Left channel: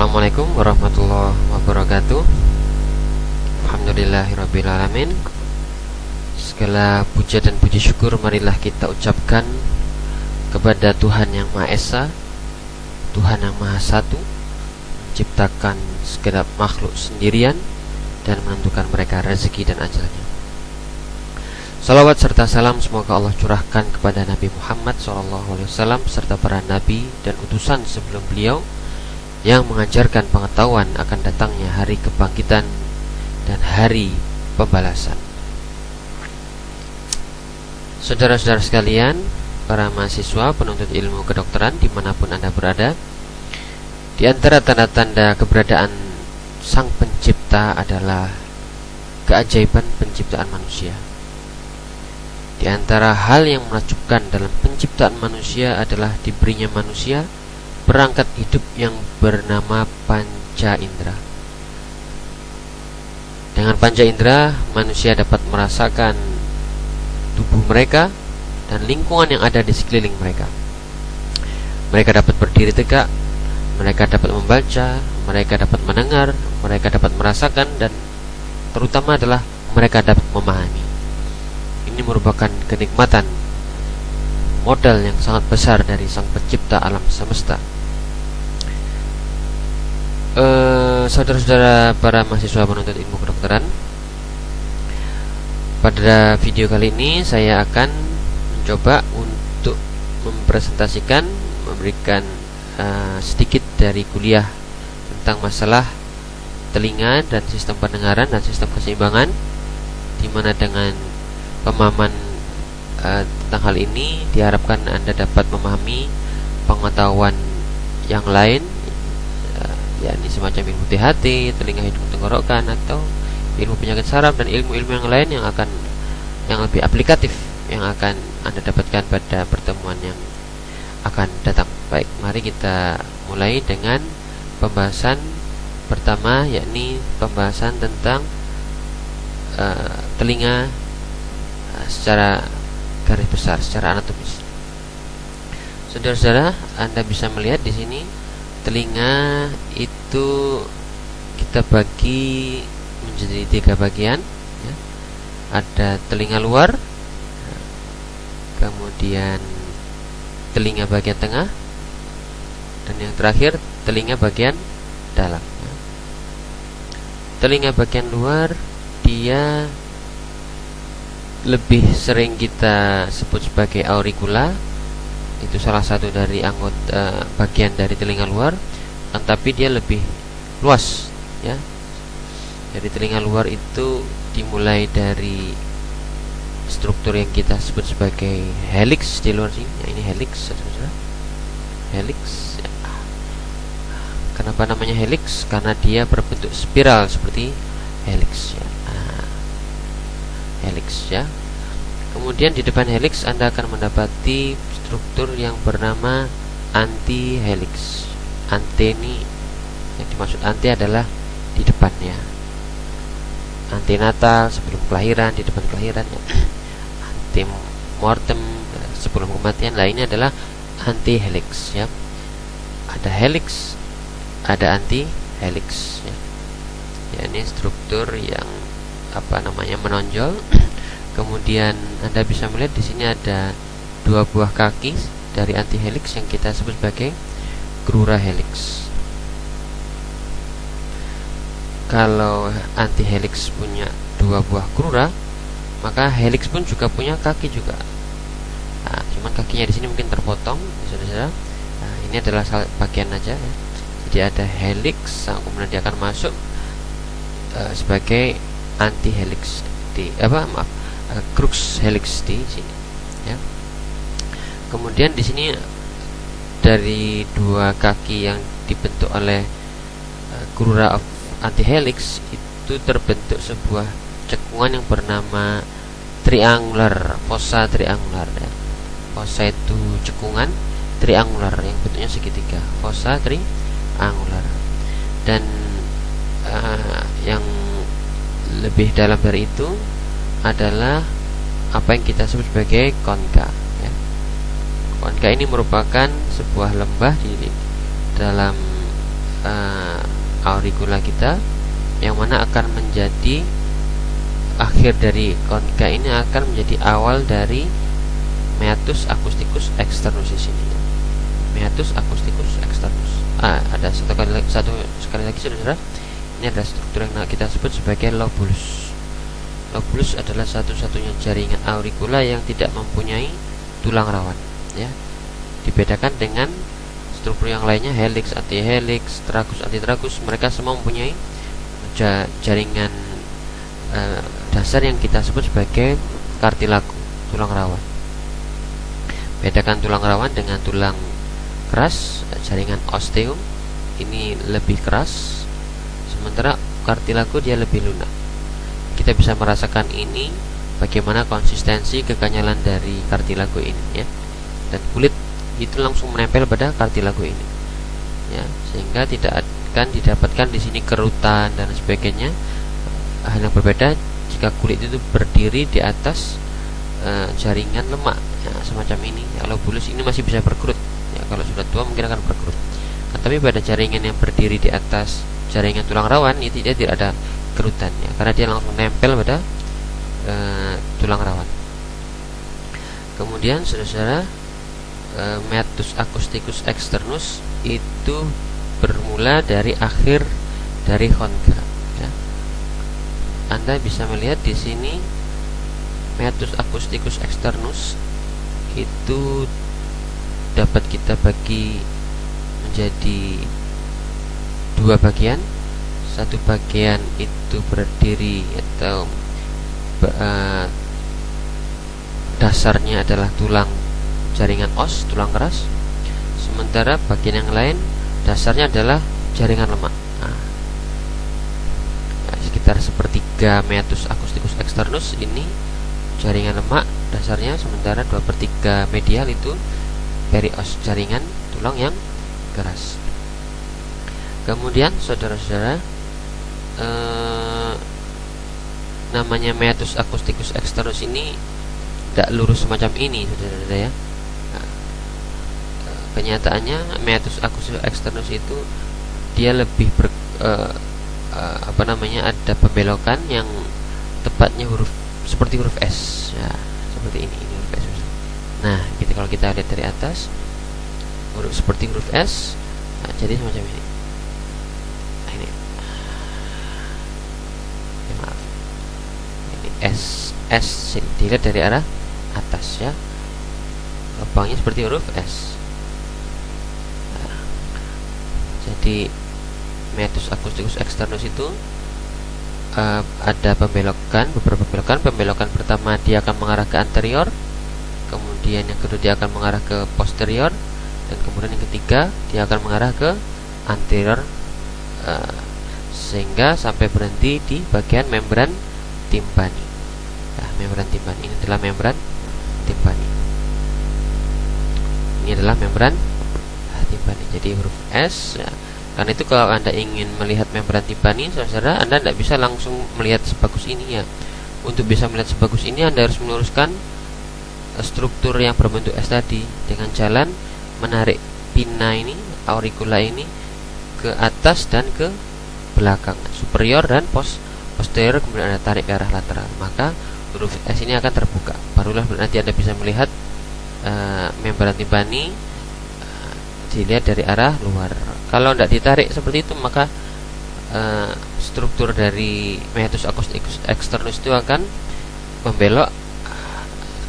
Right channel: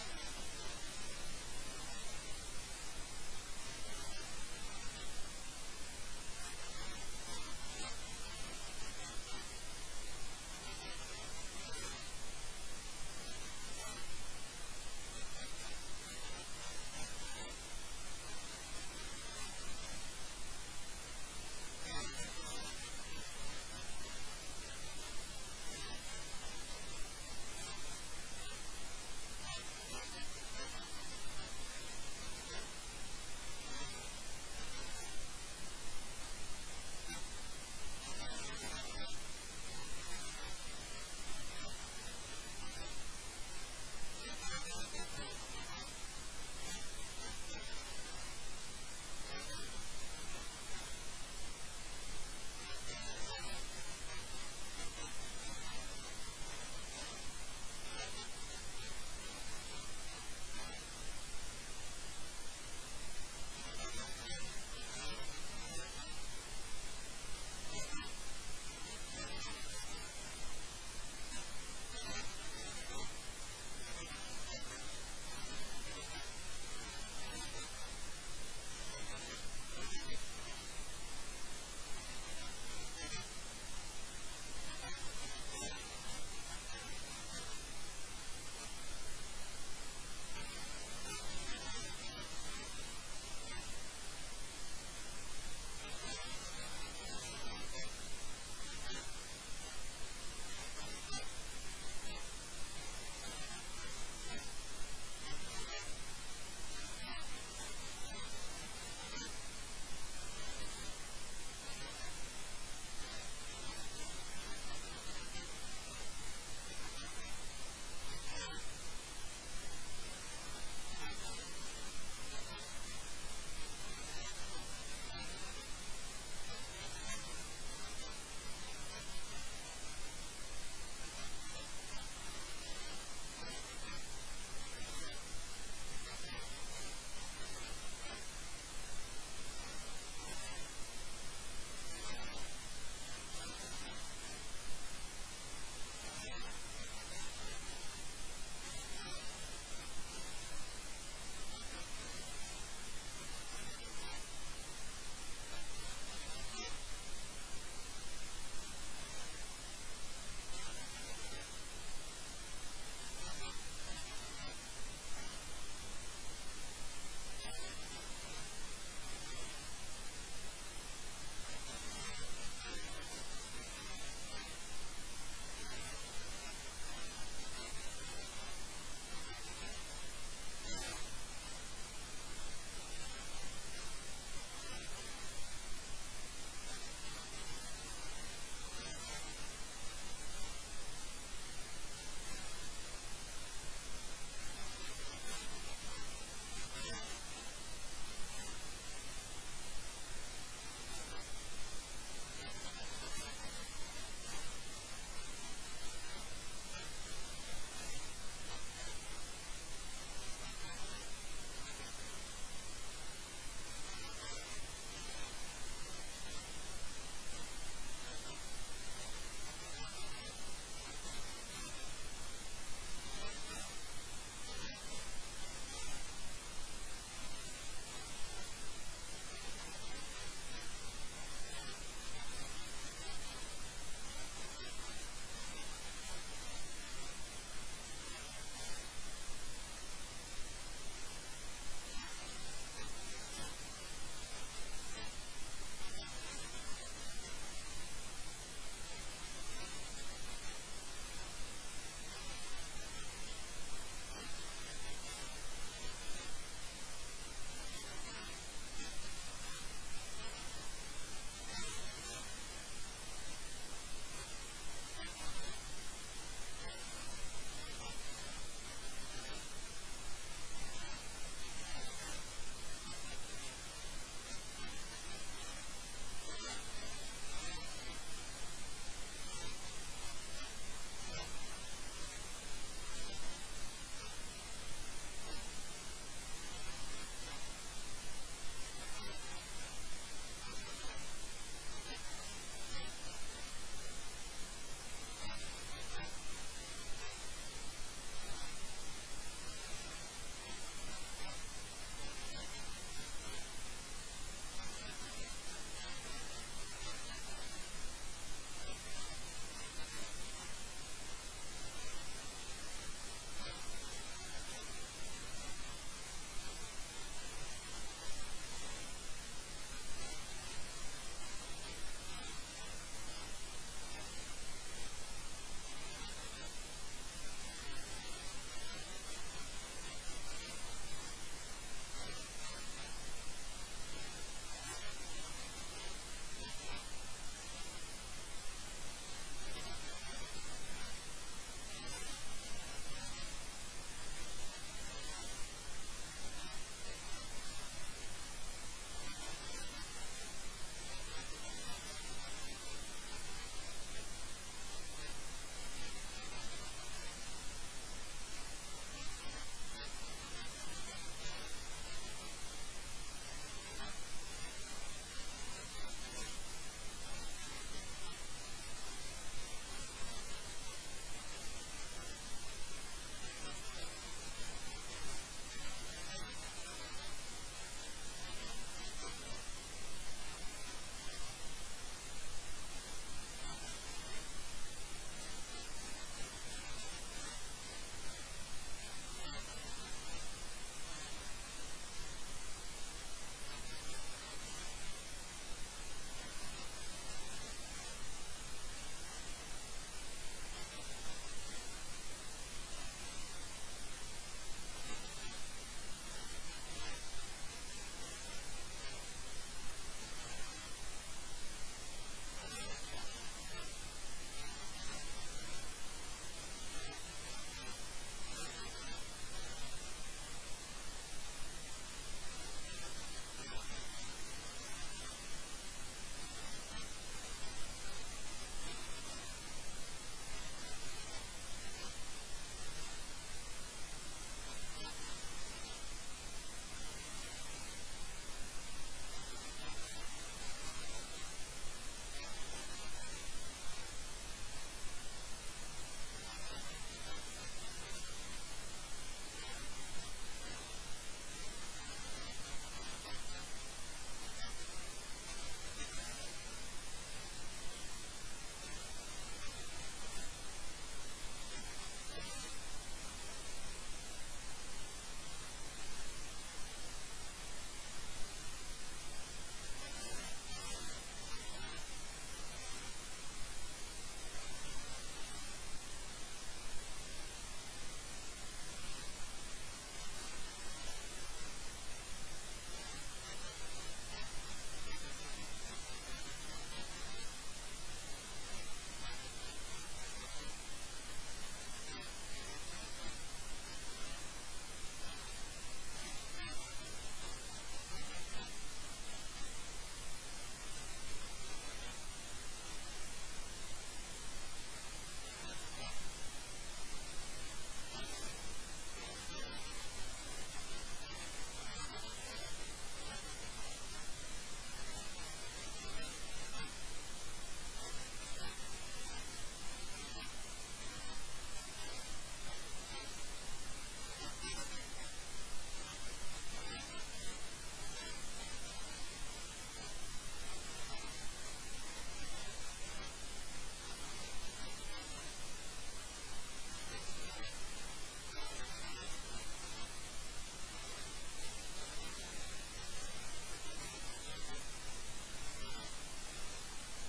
Assalamualaikum warahmatullahi wabarakatuh. Alhamdulillahirrabbilalamin. Segala puja dan puji syukur marilah kita ucapkan kepada Tuhan yang Maha Esa, Tuhan yang Maha Satu, menciptakan segenap makhluk sendirian dan menentukan mereka rezeki dan ajalnya. Salawat serta salam semoga Allah curahkan kepada Nabi Muhammad SAW serta para nabi dan utusan sebelum beliau yang mengajarkan pengetahuan akan datangnya hari kebangkitan dan hari pembalasan. Saudara-saudara sekalian, para mahasiswa penuntut ilmu kedokteran dimanapun Anda berada, di antara tanda-tanda keberadaan Sang Pencipta adalah keajaiban penciptaan manusia. Di antara hal yang menakjubkan dalam penciptaan manusia adalah diberinya manusia perangkat hidup yang bernama panca indera. Dengan panca indera, manusia dapat merasakan tubuh mereka dan lingkungan yang ada di sekeliling mereka. Mereka dapat berdiri tegak, mereka dapat membaca, mereka dapat mendengar, mereka dapat merasakan, dan terutama adalah mereka dapat memahami. Ini merupakan kenikmatan modal yang sangat besar dari Sang Pencipta alam semesta. Saudara-saudara para mahasiswa penuntut ilmu kedokteran, pada video kali ini saya akan mencoba untuk mempresentasikan, memberikan sedikit dari kuliah tentang masalah telinga dan sistem pendengaran dan sistem keseimbangan, di mana dengan pemahaman tentang hal ini diharapkan Anda dapat memahami pengetahuan yang lain, yakni semacam ilmu THT, telinga hidung tenggorokan, atau ilmu penyakit saraf dan ilmu-ilmu yang lain yang lebih aplikatif yang akan Anda dapatkan pada pertemuan yang akan datang. Baik, mari kita mulai dengan pembahasan pertama, yakni pembahasan tentang telinga secara garis besar, secara anatomis. Saudara-saudara, Anda bisa melihat di sini telinga itu kita bagi menjadi 3 bagian, ya. Ada telinga luar, kemudian telinga bagian tengah, dan yang terakhir telinga bagian dalam. Telinga bagian luar dia lebih sering kita sebut sebagai auricula. Itu salah satu dari anggota bagian dari telinga luar, tetapi dia lebih luas, ya. Jadi telinga luar itu dimulai dari struktur yang kita sebut sebagai helix di luar sini. Ya, ini helix, saudara. Helix. Ya. Kenapa namanya helix? Karena dia berbentuk spiral seperti helix, ya. Helix, ya. Kemudian di depan helix Anda akan mendapati struktur yang bernama anti-helix. Anteni, yang dimaksud anti adalah di depannya. Antenatal sebelum kelahiran, di depan kelahiran, ya. Antemortem sebelum kematian. Lainnya adalah anti-helix, ya. Ada helix, ada anti-helix, ya. Ya, ini struktur yang menonjol. Kemudian Anda bisa melihat di sini ada 2 buah kaki dari anti-helix yang kita sebut sebagai crura helix. Kalau anti-helix punya 2 buah crura, maka helix pun juga punya kaki juga. Nah, cuman kakinya di sini mungkin terpotong, saudara. Nah, ini adalah bagian aja, ya. Jadi ada helix, kemudian dia akan masuk sebagai anti-helix crux helix di sini, ya. Kemudian di sini dari 2 kaki yang dibentuk oleh crura of anti-helix itu terbentuk sebuah cekungan yang bernama triangular, fossa triangular, ya. Fossa itu cekungan, triangular yang bentuknya segitiga, fossa triangular. Dan yang lebih dalam dari itu adalah apa yang kita sebut sebagai konka, ya. Konka ini merupakan sebuah lembah di dalam auricula kita, yang mana akan menjadi akhir dari konika ini akan menjadi awal dari meatus acousticus externus di sini. Meatus acousticus externus. Ada satu sekali lagi saudara. Ini adalah struktur yang kita sebut sebagai lobulus. Lobulus adalah satu-satunya jaringan auricula yang tidak mempunyai tulang rawan, ya. Dibedakan dengan struktur yang lainnya, helix, antihelix, tragus, antitragus, mereka semua mempunyai jaringan dasar yang kita sebut sebagai kartilago, tulang rawan. Bedakan tulang rawan dengan tulang keras. Jaringan osteum ini lebih keras, sementara kartilago dia lebih lunak. Kita bisa merasakan ini bagaimana konsistensi kekenyalan dari kartilago ini, ya. Dan kulit itu langsung menempel pada kartilago ini, ya, sehingga tidak akan didapatkan di sini kerutan dan sebagainya. Hal yang berbeda jika kulit itu berdiri di atas jaringan lemak, ya, semacam ini. Kalau bulus ini masih bisa berkerut, ya, kalau sudah tua mungkin akan berkerut. Tapi pada jaringan yang berdiri di atas jaringan tulang rawan itu dia tidak ada kerutan, ya, karena dia langsung nempel pada tulang rawan. Kemudian saudara, meatus acousticus externus itu bermula dari akhir dari konka, ya. Anda bisa melihat di sini meatus acousticus externus itu dapat kita bagi menjadi dua bagian. Satu bagian itu berdiri atau dasarnya adalah tulang jaringan os, tulang keras, sementara bagian yang lain dasarnya adalah jaringan lemak. Sekitar sepertiga meatus acousticus externus ini jaringan lemak dasarnya, sementara 2/3 medial itu perios, jaringan tulang yang keras. Kemudian saudara-saudara, namanya meatus acousticus externus ini tidak lurus semacam ini, saudara-saudara, ya. Kenyataannya meatus acousticus externus itu dia lebih ada pembelokan yang tepatnya seperti huruf S, ya, seperti ini huruf S. Nah, gitu kalau kita lihat dari atas, seperti huruf S, nah, jadi semacam ini. Nah, ini. Ya, maaf. Ini S dilihat dari arah atas, ya. Lubangnya seperti huruf S. Nah, jadi meatus acousticus externus itu ada beberapa pembelokan. Pembelokan pertama dia akan mengarah ke anterior, kemudian yang kedua dia akan mengarah ke posterior, dan kemudian yang ketiga dia akan mengarah ke anterior, sehingga sampai berhenti di bagian membran timpani. Nah, membran timpani ini adalah membran timpani. Ini adalah membran timpani. Jadi huruf S, ya. Karena itu kalau Anda ingin melihat membran timpani, saudara, Anda tidak bisa langsung melihat sebagus ini, ya. Untuk bisa melihat sebagus ini Anda harus meluruskan struktur yang berbentuk S tadi dengan jalan menarik pinna ini, auricula ini ke atas dan ke belakang, superior dan posterior, kemudian Anda tarik ke arah lateral. Maka huruf S ini akan terbuka. Barulah nanti Anda bisa melihat membran timpani dilihat dari arah luar. Kalau tidak ditarik seperti itu, maka struktur dari meatus acousticus externus itu akan membelok,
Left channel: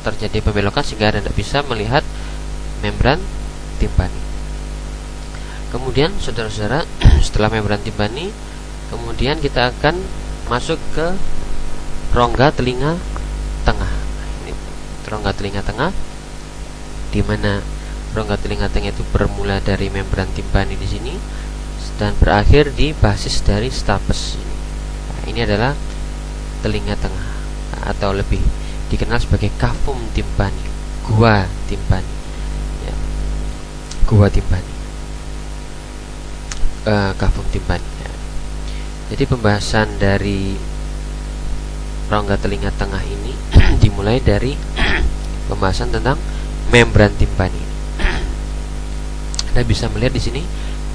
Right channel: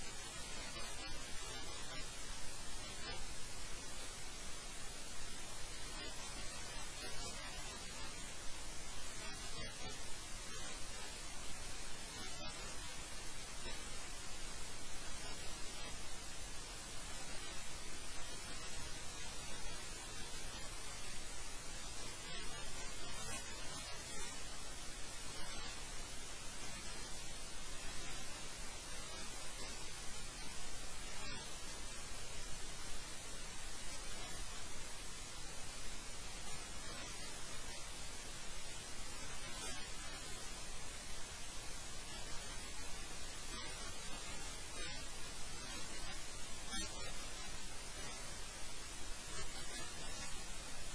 terjadi pembelokan sehingga Anda tidak bisa melihat membran timpani. Kemudian saudara-saudara, setelah membran timpani, kemudian kita akan masuk ke rongga telinga tengah. Ini rongga telinga tengah, di mana rongga telinga tengah itu bermula dari membran timpani di sini dan berakhir di basis dari stapes. Nah, ini adalah telinga tengah, atau lebih dikenal sebagai cavum timpani, gua timpani, ya. Gua timpani, cavum timpani, ya. Jadi pembahasan dari rongga telinga tengah ini dimulai dari pembahasan tentang membran timpani. Anda bisa melihat di sini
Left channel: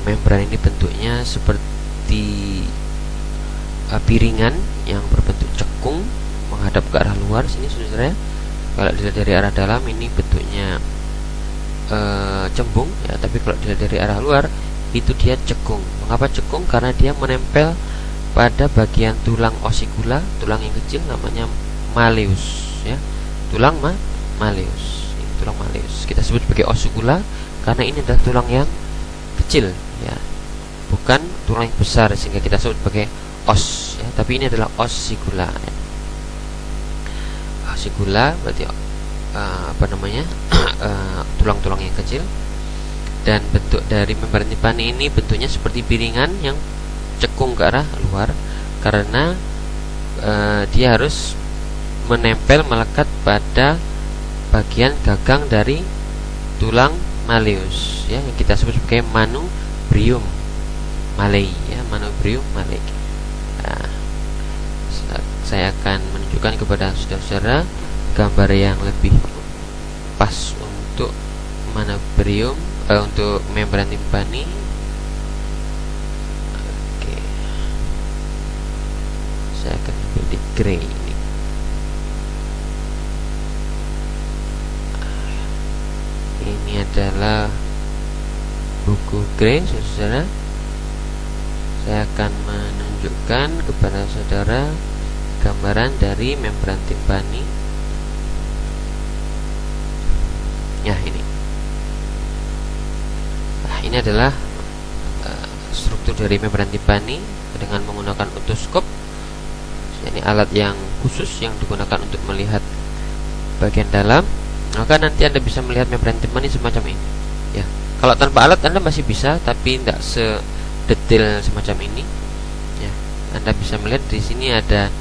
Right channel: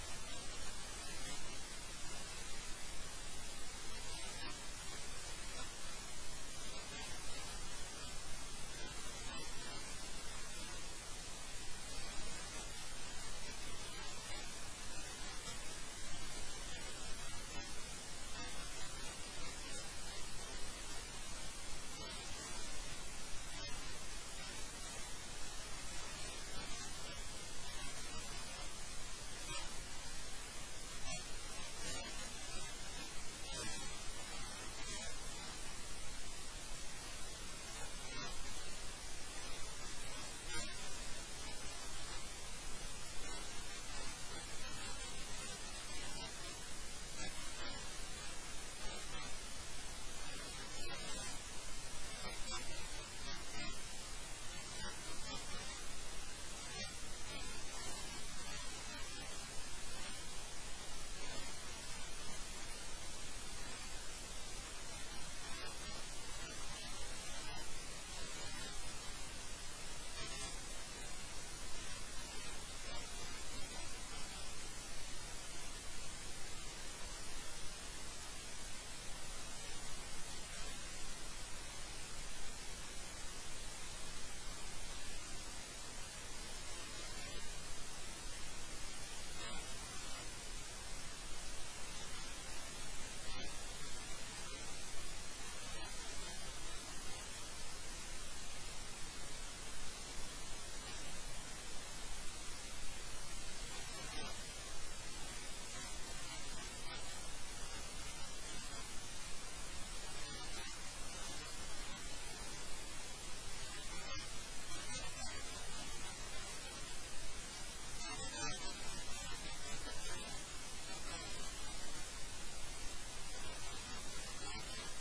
membran ini bentuknya seperti piringan yang berbentuk cekung menghadap ke arah luar sini, saudara. Kalau dilihat dari arah dalam ini bentuknya cembung ya, tapi kalau dilihat dari arah luar itu dia cekung. Mengapa cekung? Karena dia menempel pada bagian tulang osikula, tulang yang kecil namanya malleus ya. Tulang malleus. Ini tulang malleus. Kita sebut sebagai osikula karena ini adalah tulang yang kecil ya. Bukan tulang yang besar sehingga kita sebut sebagai os ya, tapi ini adalah osikula ya. Osikula berarti tulang-tulang yang kecil. Dan bentuk dari membran timpani ini bentuknya seperti piringan yang cekung ke arah luar karena dia harus menempel melekat pada bagian gagang dari tulang malleus ya, yang kita sebut sebagai manubrium malei ya, manubrium malei. Nah, saya akan menunjukkan kepada saudara-saudara gambar yang lebih pas untuk manubrium untuk membran timpani. Oke, saya akan ambil di gray ini. Ini adalah buku gray, saudara. Saya akan menunjukkan kepada saudara gambaran dari membran timpani. Ya, ini. Nah, ini adalah struktur dari membran timpani dengan menggunakan otoskop. Ini alat yang khusus yang digunakan untuk melihat bagian dalam. Maka nanti Anda bisa melihat membran timpani semacam ini. Ya, kalau tanpa alat Anda masih bisa, tapi tidak sedetail semacam ini. Ya, Anda bisa melihat di sini ada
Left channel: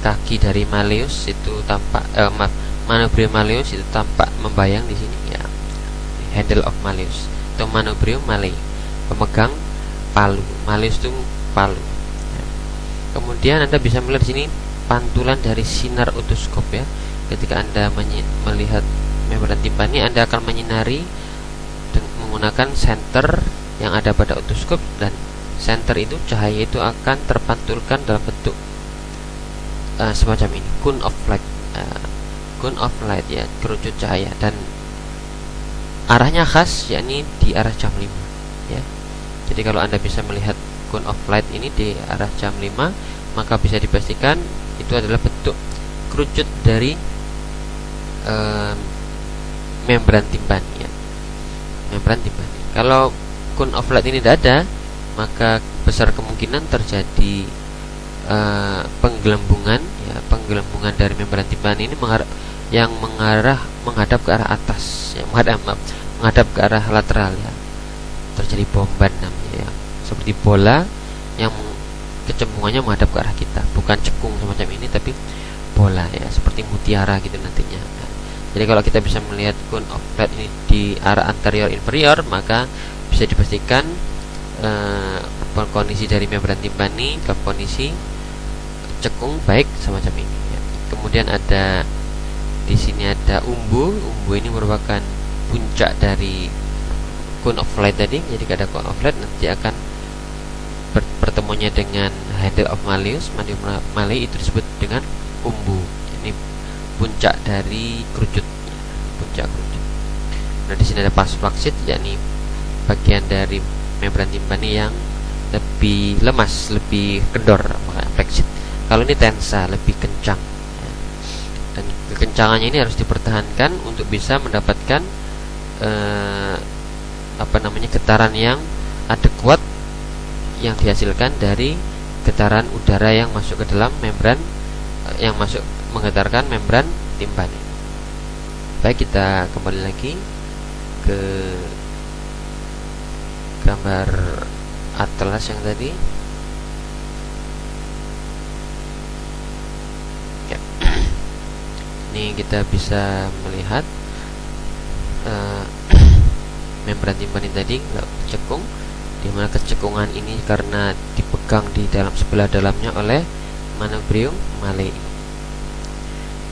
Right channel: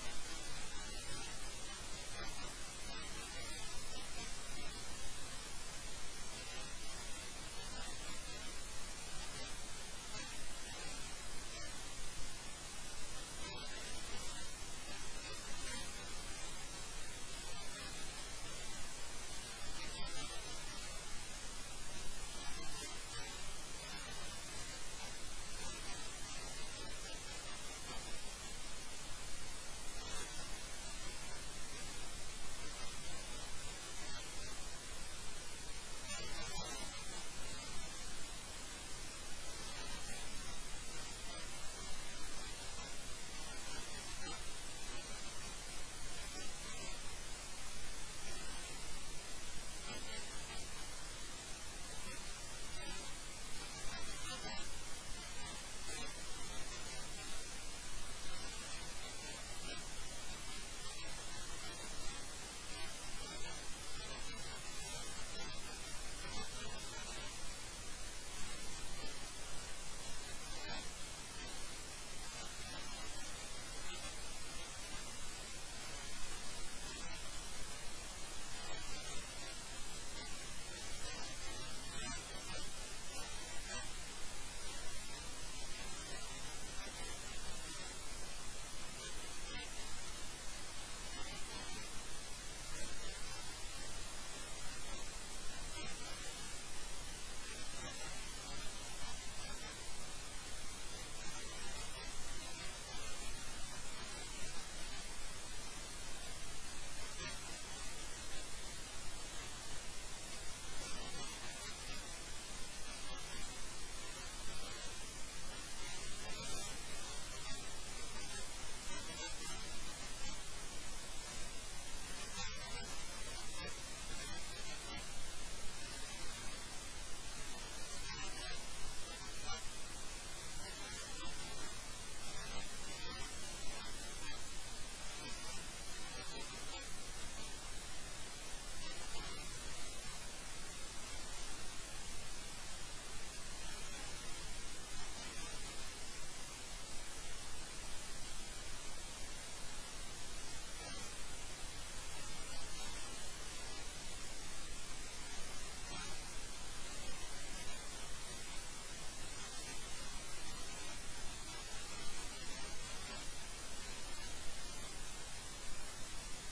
kaki dari malleus itu tampak, manubrium malleus itu tampak membayang di sini ya. Handle of malleus atau manubrium malei, pemegang palu. Malleus itu palu. Ya. Kemudian Anda bisa melihat di sini pantulan dari sinar otoskop ya. Ketika Anda melihat membran timpani, Anda akan menyinari menggunakan senter yang ada pada otoskop, dan senter itu cahaya itu akan terpantulkan dalam bentuk semacam ini, cone of light. Cone of light ya, kerucut cahaya, dan arahnya khas yakni di arah jam 5 ya. Jadi kalau Anda bisa melihat cone of light ini di arah jam 5, maka bisa dipastikan itu adalah bentuk kerucut dari membran timpani ya. Membran timpani. Kalau cone of light ini tidak ada, maka besar kemungkinan terjadi penggelembungan ya, penggelembungan dari membran timpani ini menghadap ke arah atas ya, menghadap ke arah lateral ya. Terjadi bomban namanya ya. Seperti bola yang kecembungannya menghadap ke arah kita, bukan cekung semacam ini tapi bola ya, seperti mutiara gitu nantinya. Nah, jadi kalau kita bisa melihat cone of light ini di arah anterior inferior, maka bisa dipastikan kondisi dari membran timpani ke kondisi cekung baik semacam ini ya. Kemudian ada di sini ada umbu. Umbu ini merupakan puncak dari cone of light tadi. Jadi ada cone of light nanti akan pertemuannya dengan handle of malleus, manubrium malei, itu disebut dengan umbu. Ini puncak dari kerucut, puncak kerucut. Nah, di sini ada pars flaccid, yakni bagian dari membran timpani yang lebih lemas, lebih kendor, makanya flaccid. Kalau ini tensa, lebih kencang ya. Dan kekencangannya ini harus dipertahankan untuk bisa mendapatkan getaran yang adekuat yang dihasilkan dari getaran udara yang masuk ke dalam membran, yang masuk menggetarkan membran timpani. Baik, kita kembali lagi ke gambar atlas yang tadi ya. Ini kita bisa melihat membran timpani tadi cekung, di mana kecekungan ini karena dipegang di dalam sebelah dalamnya oleh manubrium malei.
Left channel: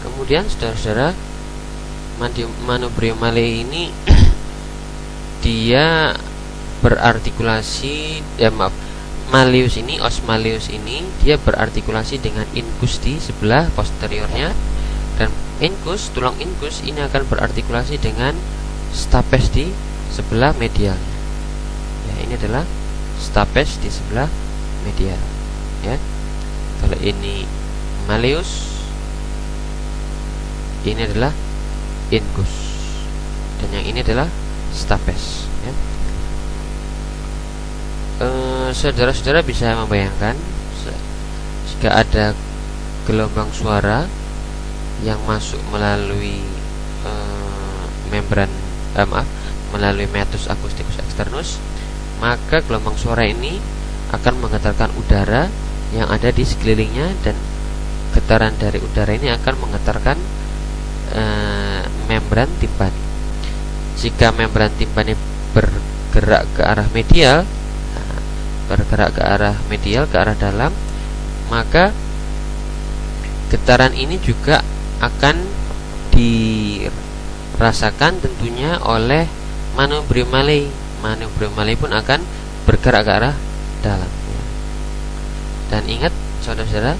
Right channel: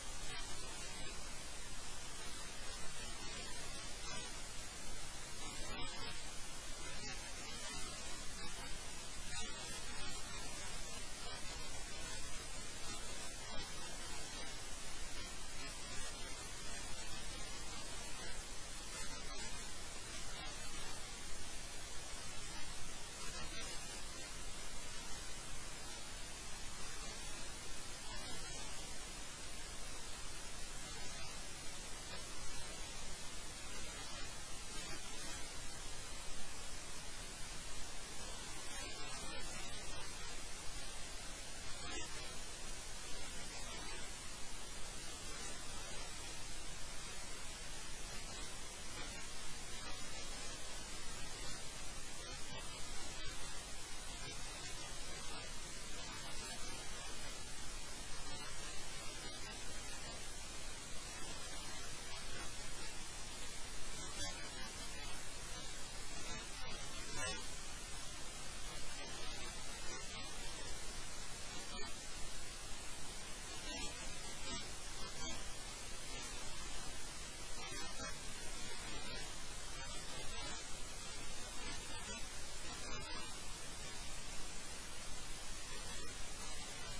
Kemudian saudara-saudara, manubrium malei ini dia berartikulasi, Malleus ini, os Malleus ini dia berartikulasi dengan incus di sebelah posteriornya, dan incus, tulang incus ini akan berartikulasi dengan stapes di sebelah medial. Ya, ini adalah stapes di sebelah medial. Ya, kalau ini Malleus, ini adalah incus, dan yang ini adalah stapes. Ya. Saudara-saudara bisa membayangkan jika ada gelombang suara yang masuk melalui melalui meatus acusticus externus, maka gelombang suara ini akan menggetarkan udara yang ada di sekelilingnya, dan getaran dari udara ini akan menggetarkan membran timpani. Jika membran timpani bergerak ke arah medial, ke arah dalam, maka getaran ini juga akan dirasakan tentunya oleh manubrium Malei. Manubrium Malei pun akan bergerak ke arah dalam. Dan ingat saudara-saudara,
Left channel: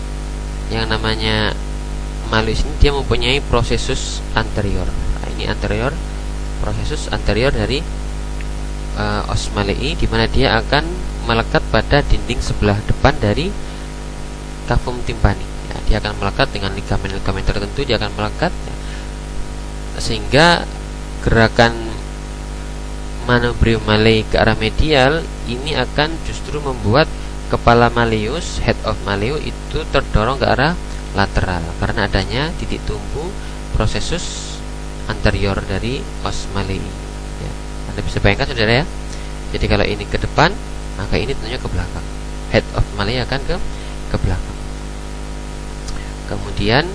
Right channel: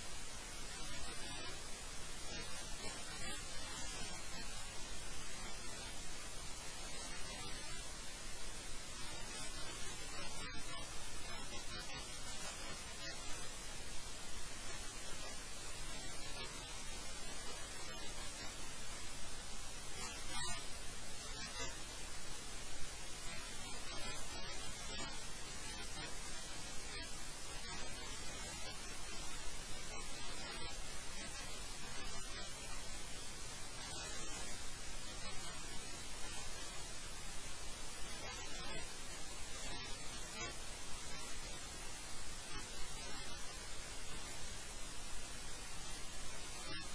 yang namanya Malleus ini dia mempunyai prosesus anterior. Nah, ini anterior, prosesus anterior dari os Malei, di mana dia akan melekat pada dinding sebelah depan dari cavum timpani. Ya, dia akan melekat dengan ligamen-ligamen tertentu, dia akan melekat, ya, sehingga gerakan manubrium Malei ke arah medial ini akan justru membuat kepala Malleus, head of Malleus itu terdorong ke arah lateral karena adanya titik tumpu prosesus anterior dari os Malei. Ya, Anda bisa bayangkan saudara ya. Jadi kalau ini ke depan, maka ini tentunya ke belakang. Head of Malei akan ke belakang. Kemudian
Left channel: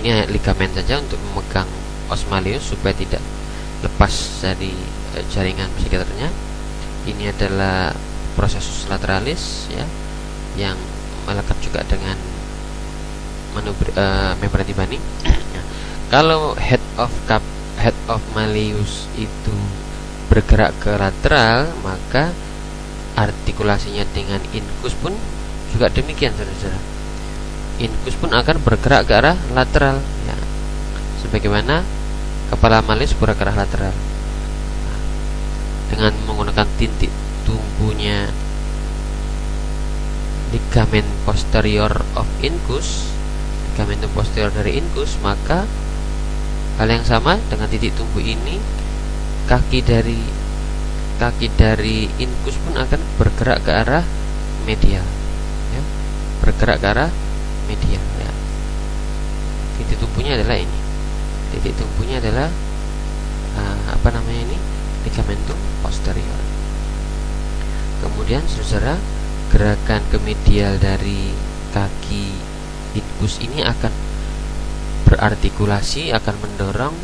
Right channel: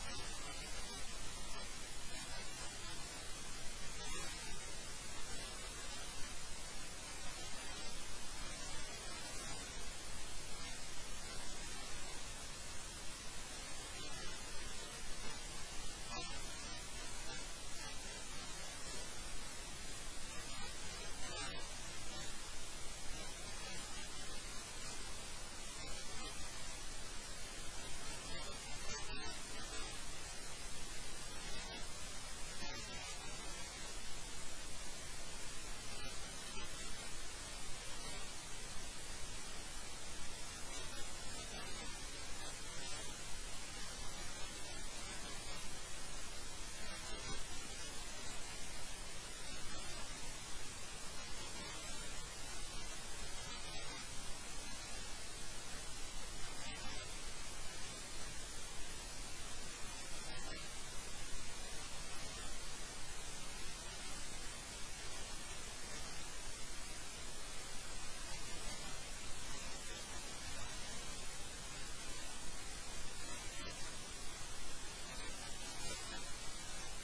ini hanya ligamen saja untuk memegang os Malleus supaya tidak lepas dari jaringan psikiaternya. Ini adalah prosesus lateralis, ya, yang melekat juga dengan membran timpani. Kalau head of Malleus itu bergerak ke lateral, maka artikulasinya dengan incus pun juga demikian, saudara-saudara. Incus pun akan bergerak ke arah lateral, ya, sebagaimana kepala Malleus bergerak ke arah lateral. Dengan menggunakan titik tumbunya ligamen posterior of incus, ligamen posterior dari incus, maka hal yang sama dengan titik tumbuh ini, kaki dari incus pun akan bergerak ke arah medial, ya, bergerak ke arah medial, ya. Titik tumbuhnya adalah ini. Titik tumbuhnya adalah ligamentum posterior. Kemudian saudara, gerakan ke medial dari kaki incus ini akan berartikulasi, akan mendorong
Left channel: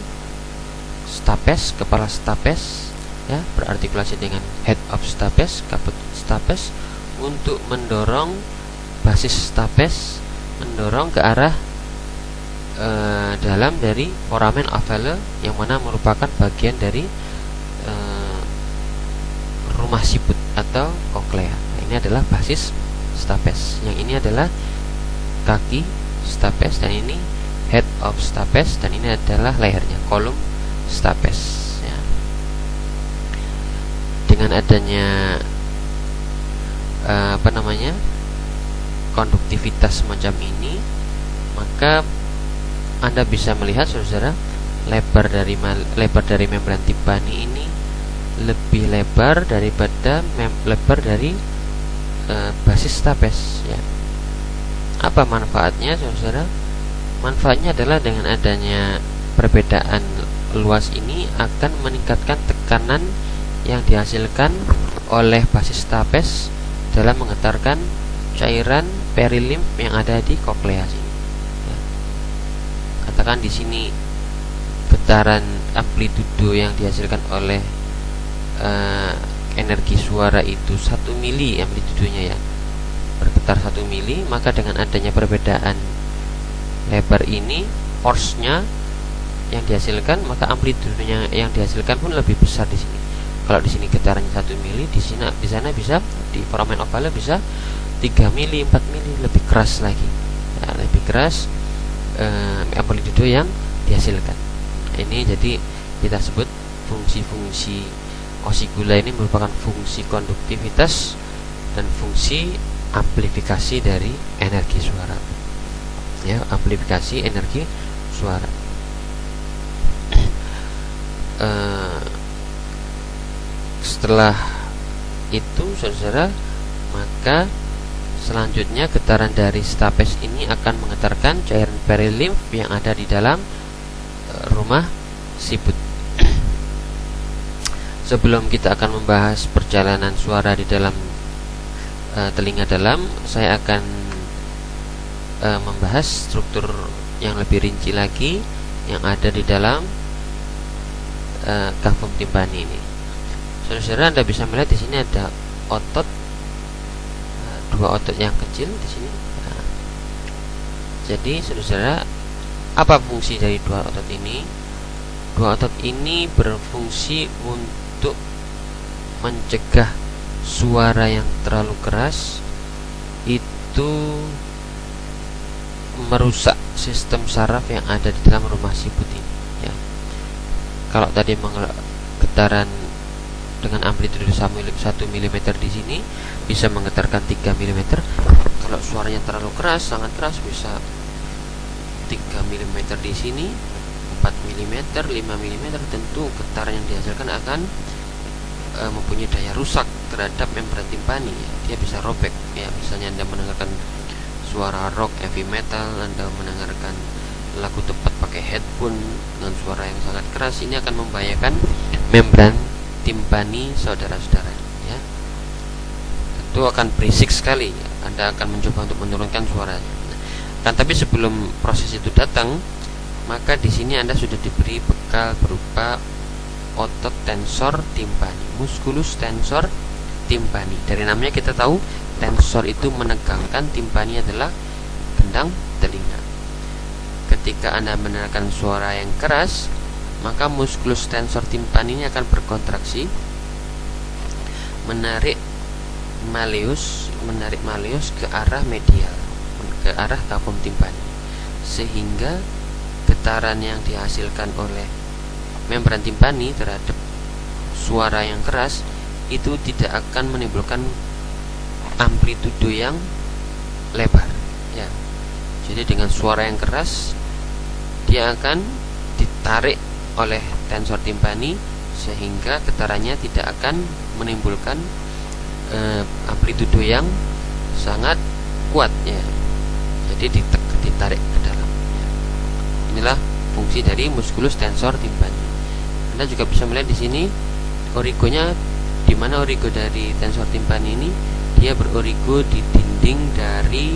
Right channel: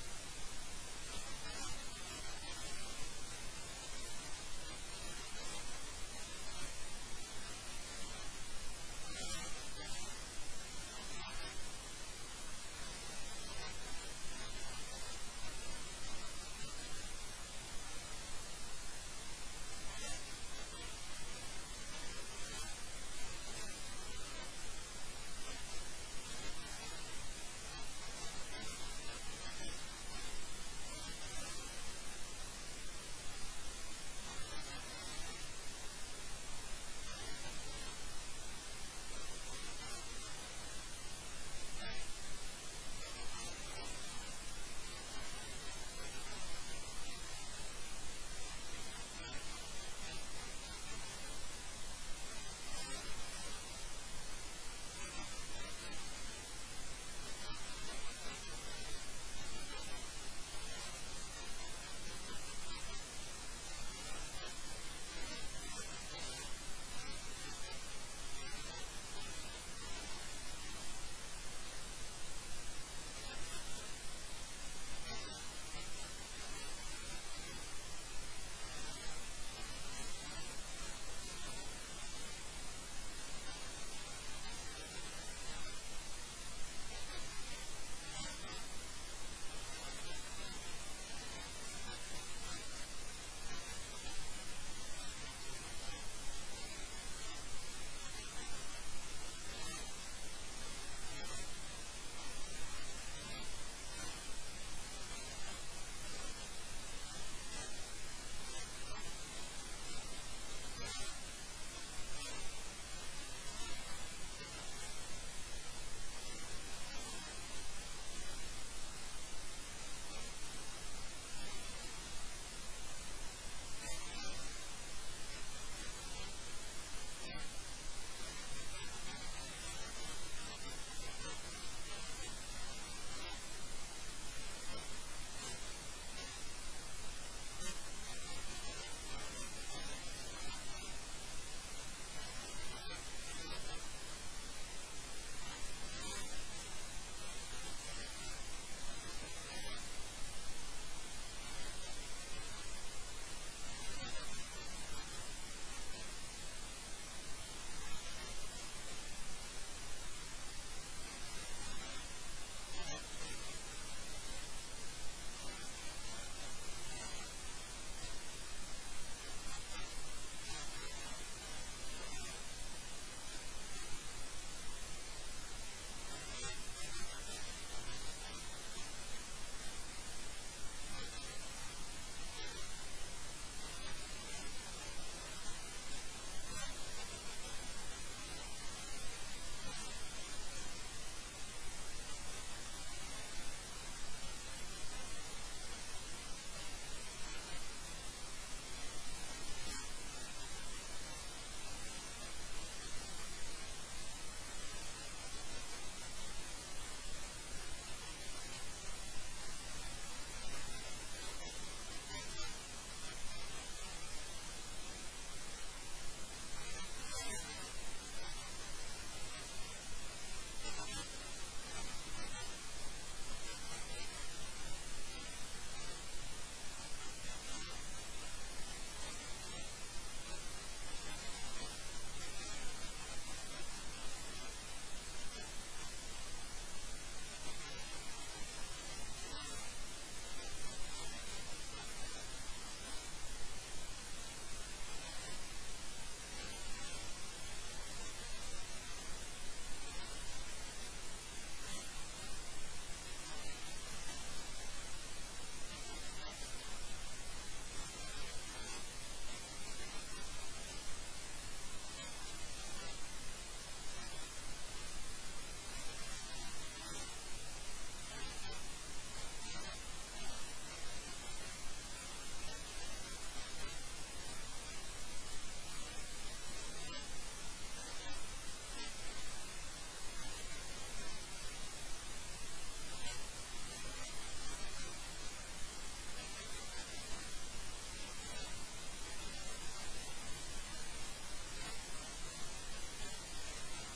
stapes, kepala stapes, ya, berartikulasi dengan head of stapes, caput stapes, untuk mendorong basis stapes, mendorong ke arah dalam dari foramen ovale, yang mana merupakan bagian dari rumah siput atau koklea. Nah, ini adalah basis stapes. Yang ini adalah kaki stapes, dan ini head of stapes, dan ini adalah lehernya, kolum stapes, ya. Dengan adanya konduktivitas semacam ini, maka Anda bisa melihat, saudara, lebar dari membran timpani ini lebih lebar daripada lebar dari basis stapes, ya. Apa manfaatnya, saudara? Manfaatnya adalah dengan adanya perbedaan luas ini akan meningkatkan tekanan yang dihasilkan oleh basis stapes dalam menggetarkan cairan perilimf yang ada di koklea sini, ya. Katakan di sini getaran amplitudo yang dihasilkan oleh energi suara itu 1 mili amplitudenya, ya, bergetar 1 mili, maka dengan adanya perbedaan lebar ini, force-nya yang dihasilkan, maka amplitudenya yang dihasilkan pun lebih besar di sini. Kalau di sini getarannya 1 mili, di sana bisa, di foramen ovalnya bisa 3 mili, 4 mili, lebih keras lagi. Ya, lebih keras amplitudo yang dihasilkan. Ini jadi kita sebut fungsi-fungsi osigula ini merupakan fungsi konduktivitas dan fungsi amplifikasi dari energi suara. Ya, amplifikasi energi suara. Setelah itu, saudara, maka selanjutnya getaran dari stapes ini akan menggetarkan cairan perilimf yang ada di dalam rumah siput. Sebelum kita akan membahas perjalanan suara di dalam telinga dalam, saya akan membahas struktur yang lebih rinci lagi yang ada di dalam kavum timpani ini. Saudara, Anda bisa melihat di sini ada otot, dua otot yang kecil di sini. Nah, jadi saudara, apa fungsi dari dua otot ini? Dua otot ini berfungsi untuk mencegah suara yang terlalu keras itu merusak sistem saraf yang ada di dalam rumah siput ini. Ya. Kalau tadi getaran dengan amplitudo 1 mm di sini bisa menggetarkan 3 mm. Kalau suaranya terlalu keras, sangat keras, bisa 3 mm di sini, 4 mm, 5 mm. Tentu getaran yang dihasilkan akan mempunyai daya rusak terhadap membran timpani. Dia bisa robek. Ya, misalnya Anda mendengarkan suara rock, heavy metal, Anda mendengarkan lagu tepat pakai headphone dengan suara yang sangat keras, ini akan membahayakan membran timpani saudara-saudara. Ya, tentu akan berisik sekali. Anda akan mencoba untuk menurunkan suaranya. Kan, tapi sebelum proses itu datang, maka di sini Anda sudah diberi bekal berupa otot tensor timpani, musculus tensor timpani. Dari namanya kita tahu tensor itu menegangkan, timpani adalah gendang telinga. Ketika Anda mendengarkan suara yang keras, maka musculus tensor timpani ini akan berkontraksi, menarik malleus ke arah medial, ke arah kavum timpani, sehingga getaran yang dihasilkan oleh membran timpani terhadap suara yang keras itu tidak akan menimbulkan amplitudo yang lebar. Ya, jadi dengan suara yang keras dia akan ditarik oleh tensor timpani sehingga getarannya tidak akan menimbulkan amplitudo yang sangat kuat. Ya, jadi ditarik ke dalam. Inilah fungsi dari musculus tensor timpani. Anda juga bisa melihat di sini origonya, di mana origo dari tensor timpani ini dia berorigo di dinding dari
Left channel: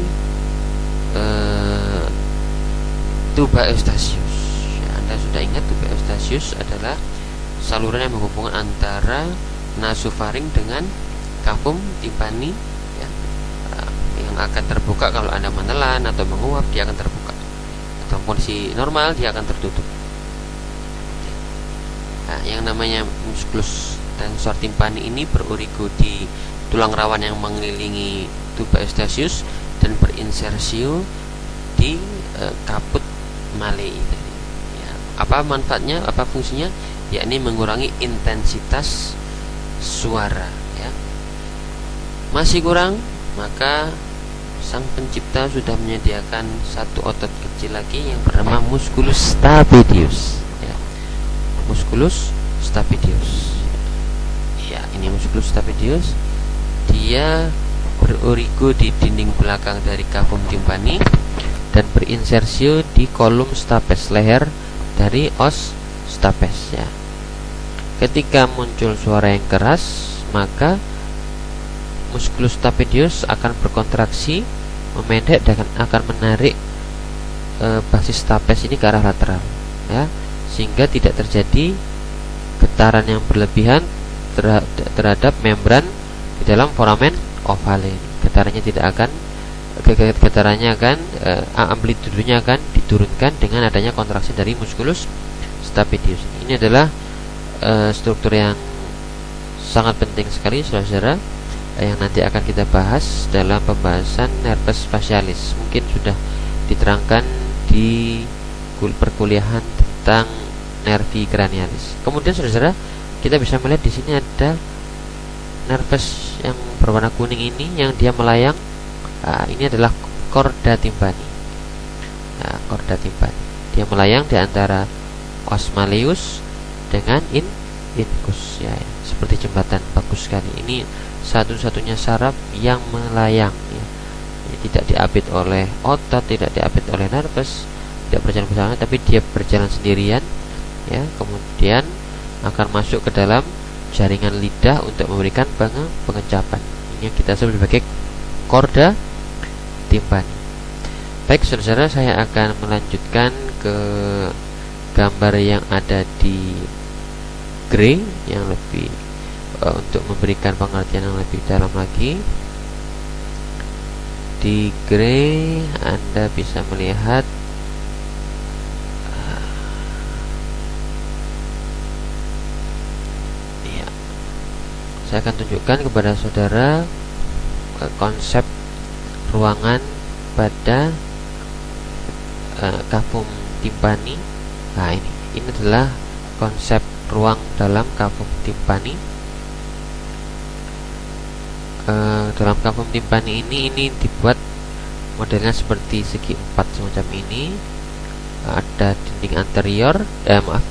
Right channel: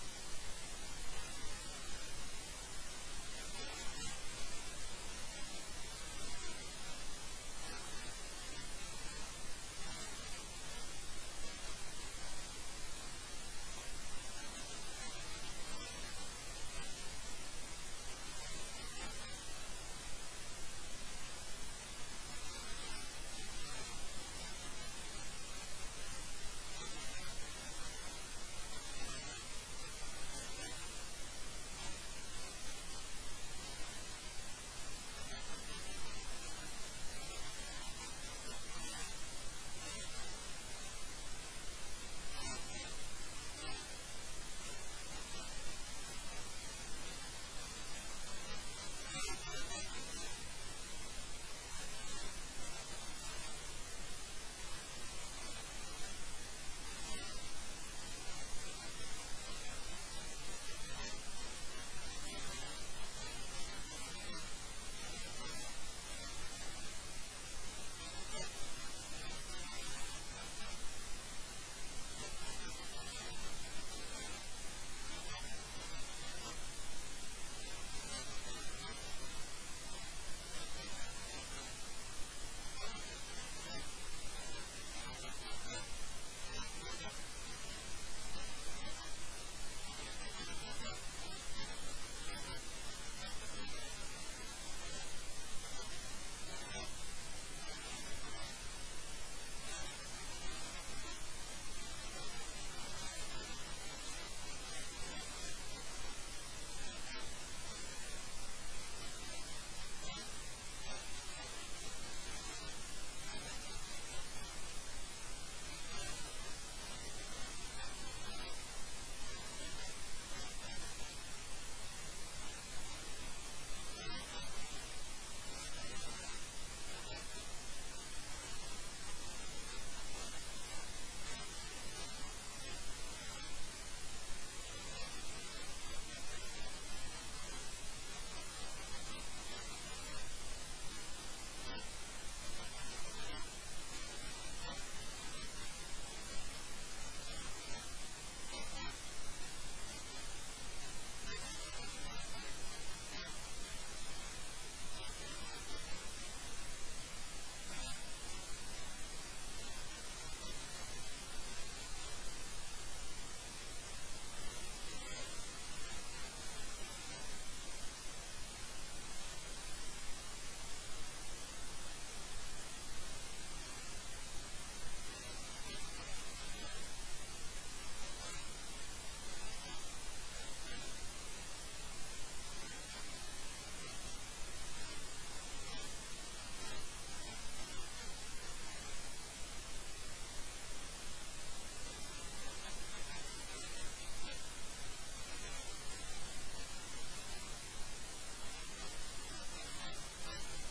tuba eustachius. Anda sudah ingat tuba eustachius adalah saluran yang menghubungkan antara nasofaring dengan kavum timpani, ya, yang akan terbuka kalau Anda menelan atau menguap, dia akan terbuka. Atau kondisi normal dia akan tertutup. Nah, yang namanya musculus tensor timpani ini berorigo di tulang rawan yang mengelilingi tuba eustachius dan berinsersio di kaput malei tadi. Ya, apa manfaatnya? Apa fungsinya? Yakni mengurangi intensitas suara. Ya. Masih kurang, maka sang pencipta sudah menyediakan satu otot kecil lagi yang bernama musculus stapedius. Ya. Musculus stapedius. Ya, ini musculus stapedius. Dia berorigo di dinding belakang dari kavum timpani dan berinsersio di kolum stapes, leher dari os stapes. Ya. Ketika muncul suara yang keras, maka musculus stapedius akan berkontraksi, memendek dan akan menarik basis stapes ini ke arah lateral, ya, sehingga tidak terjadi getaran yang berlebihan terhadap membran di dalam foramen ovale. Getarannya akan amplitudonya akan diturunkan dengan adanya kontraksi dari musculus stapedius. Ini adalah struktur yang sangat penting sekali saudara, yang nanti akan kita bahas dalam pembahasan nervus facialis. Mungkin sudah diterangkan di perkuliahan tentang nervi cranialis. Kemudian saudara, kita bisa melihat di sini ada nervus yang berwarna kuning ini yang dia melayang. Ini adalah chorda tympani. Chorda tympani. Dia melayang di antara os malleus dengan incus, ya, seperti jembatan. Bagus sekali. Ini satu-satunya saraf yang melayang, ya. Ini tidak diapit oleh otot, tidak diapit oleh nervus, tidak berjalan bersama, tapi dia berjalan sendirian, ya. Kemudian akan masuk ke dalam jaringan lidah untuk memberikan pengecapan. Ini yang kita sebut sebagai chorda tympani. Baik saudara, saya akan melanjutkan ke gambar yang ada di gray yang lebih untuk memberikan pengertian yang lebih dalam lagi. Di gray Anda bisa melihat ya, saya akan tunjukkan kepada saudara konsep ruangan pada cavum tympani. Nah, ini adalah konsep ruang dalam cavum tympani. Dalam cavum tympani ini dibuat modelnya seperti segi empat semacam ini. Ada dinding anterior,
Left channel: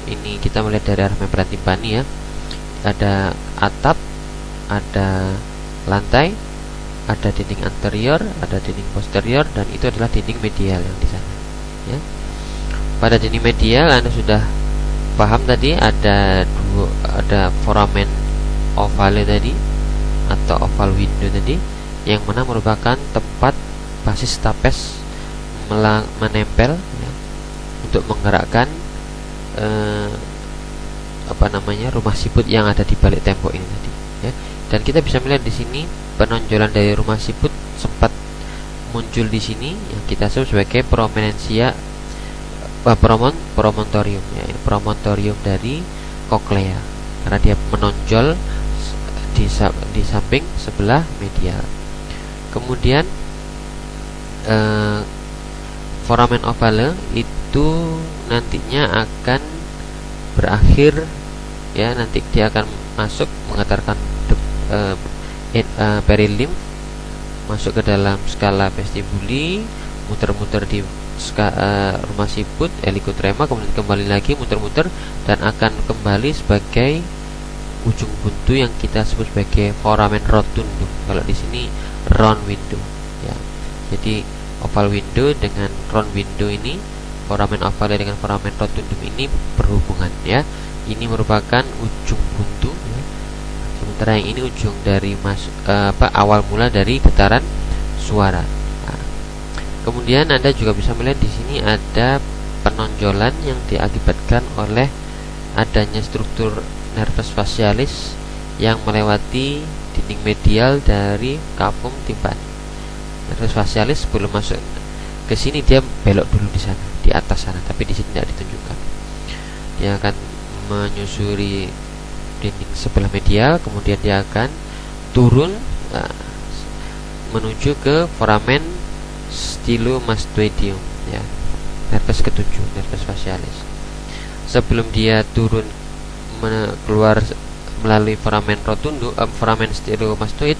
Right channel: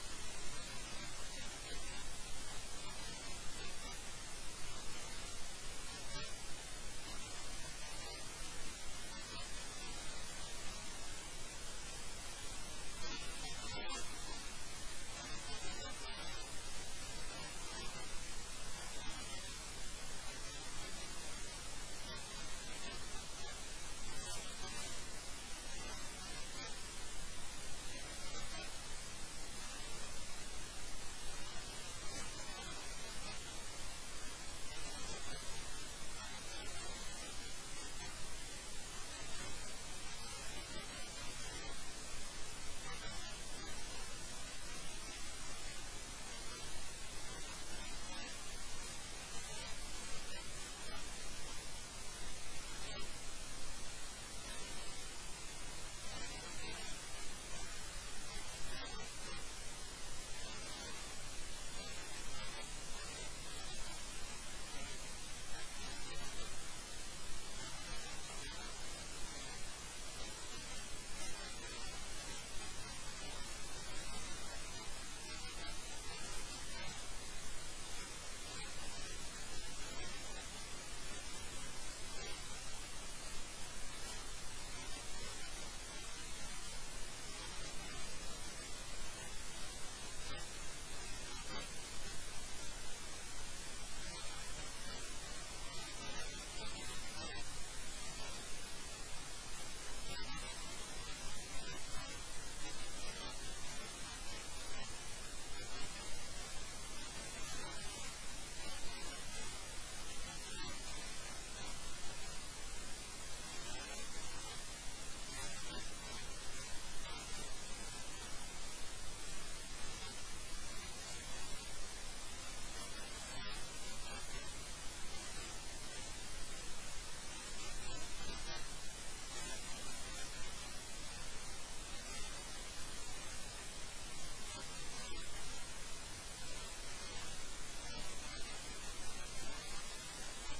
ini kita melihat dari arah membran tympani, ya. Ada atap, ada lantai, ada dinding anterior, ada dinding posterior, dan itu adalah dinding medial yang di sana, ya. Pada dinding medial Anda sudah paham tadi ada foramen ovale tadi atau oval window tadi, yang mana merupakan tempat basis stapes menempel, ya, untuk menggerakkan rumah siput yang ada di balik tembok ini tadi, ya. Dan kita bisa melihat di sini penonjolan dari rumah siput sempat muncul di sini yang kita sebut sebagai prominensia promontorium, ya, promontorium dari koklea, karena dia menonjol di samping sebelah medial. Kemudian foramen ovale itu nantinya akan berakhir, ya, nanti dia akan masuk mengantarkan perilim masuk ke dalam skala vestibuli, muter-muter di rumah siput helicotrema, kemudian kembali lagi muter-muter dan akan kembali sebagai ujung buntu yang kita sebut sebagai foramen rotundum. Kalau di sini round window, ya. Jadi oval window dengan round window ini, foramen ovale dengan foramen rotundum ini berhubungan, ya. Ini merupakan ujung buntu, ya. Sementara yang ini ujung dari awal mula dari getaran suara. Nah, kemudian Anda juga bisa melihat di sini ada penonjolan yang diakibatkan oleh adanya struktur nervus facialis yang melewati dinding medial dari cavum tympani. Nervus facialis sebelum masuk ke sini dia belok dulu di sana, di atas sana, tapi di sini tidak ditunjukkan. Dia akan menyusuri dinding sebelah medial, kemudian dia akan turun menuju ke foramen stylomastoideum, ya, nervus ketujuh, nervus facialis. Sebelum dia turun keluar melalui foramen rotundum, foramen stylomastoid,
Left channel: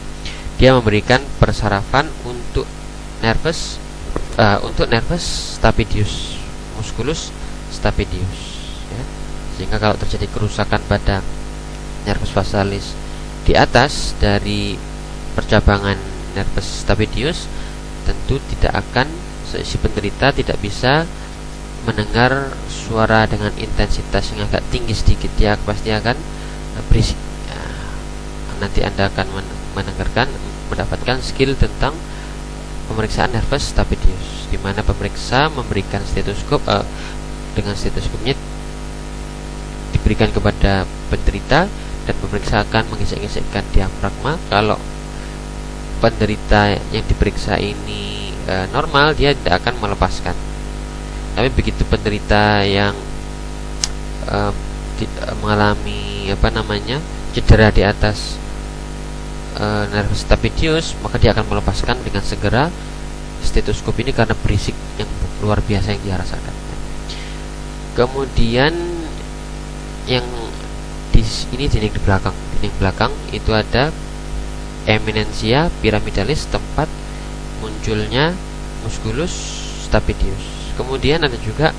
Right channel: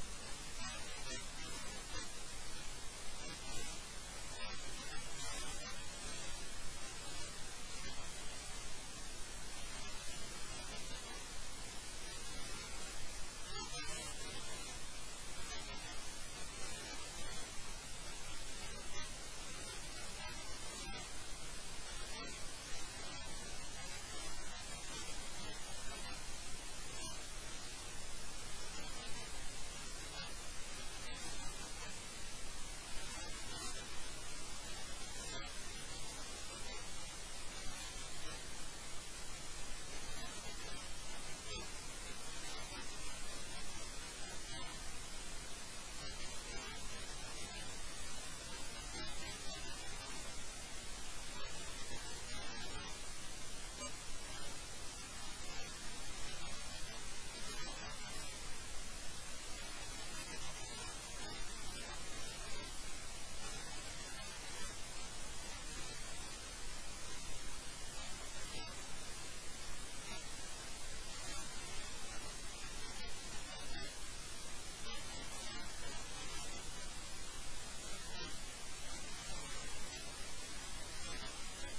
dia memberikan persarafan untuk nervus stapedius, musculus stapedius, ya. Sehingga kalau terjadi kerusakan pada nervus facialis di atas dari percabangan nervus stapedius, tentu tidak akan, si penderita tidak bisa mendengar suara dengan intensitas yang agak tinggi sedikit, dia pasti akan berisik. Nanti Anda akan mendapatkan skill tentang pemeriksaan nervus stapedius, di mana pemeriksa memberikan stetoskop, dengan stetoskopnya diberikan kepada penderita dan pemeriksa akan mengesek-gesekkan diafragma. Kalau penderita yang diperiksa ini normal, dia tidak akan melepaskan. Tapi begitu penderita yang mengalami cedera di atas nervus stapedius, maka dia akan melepaskan dengan segera stetoskop ini karena berisik yang luar biasa yang dia rasakan. Kemudian yang di ini dinding belakang itu ada eminensia pyramidalis, tempat munculnya musculus stapedius. Kemudian ada juga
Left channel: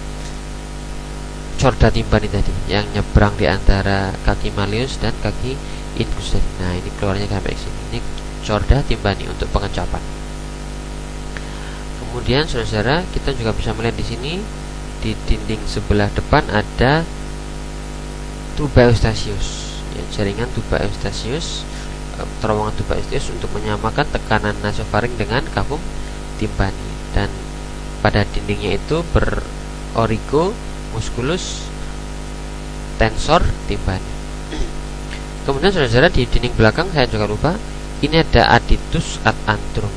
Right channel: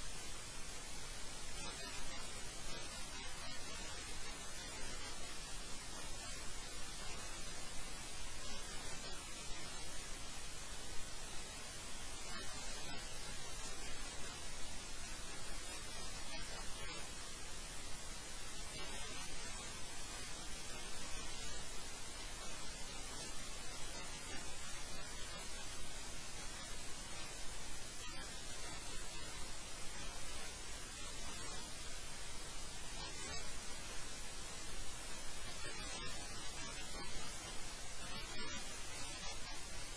chorda timpani tadi yang nyebrang di antara kaki malleus dan kaki incus tadi. Nah, ini keluarnya sampai sini. Ini chorda timpani untuk pengecapan. Kemudian saudara-saudara, kita juga bisa melihat di sini di dinding sebelah depan ada tuba eustachius, ya, jaringan tuba eustachius, terowongan tuba eustachius untuk menyamakan tekanan nasofaring dengan cavum timpani, dan pada dindingnya itu berorigo musculus tensor timpani. Kemudian saudara-saudara, di dinding belakang saya juga lupa, ini ada additus ad antrum,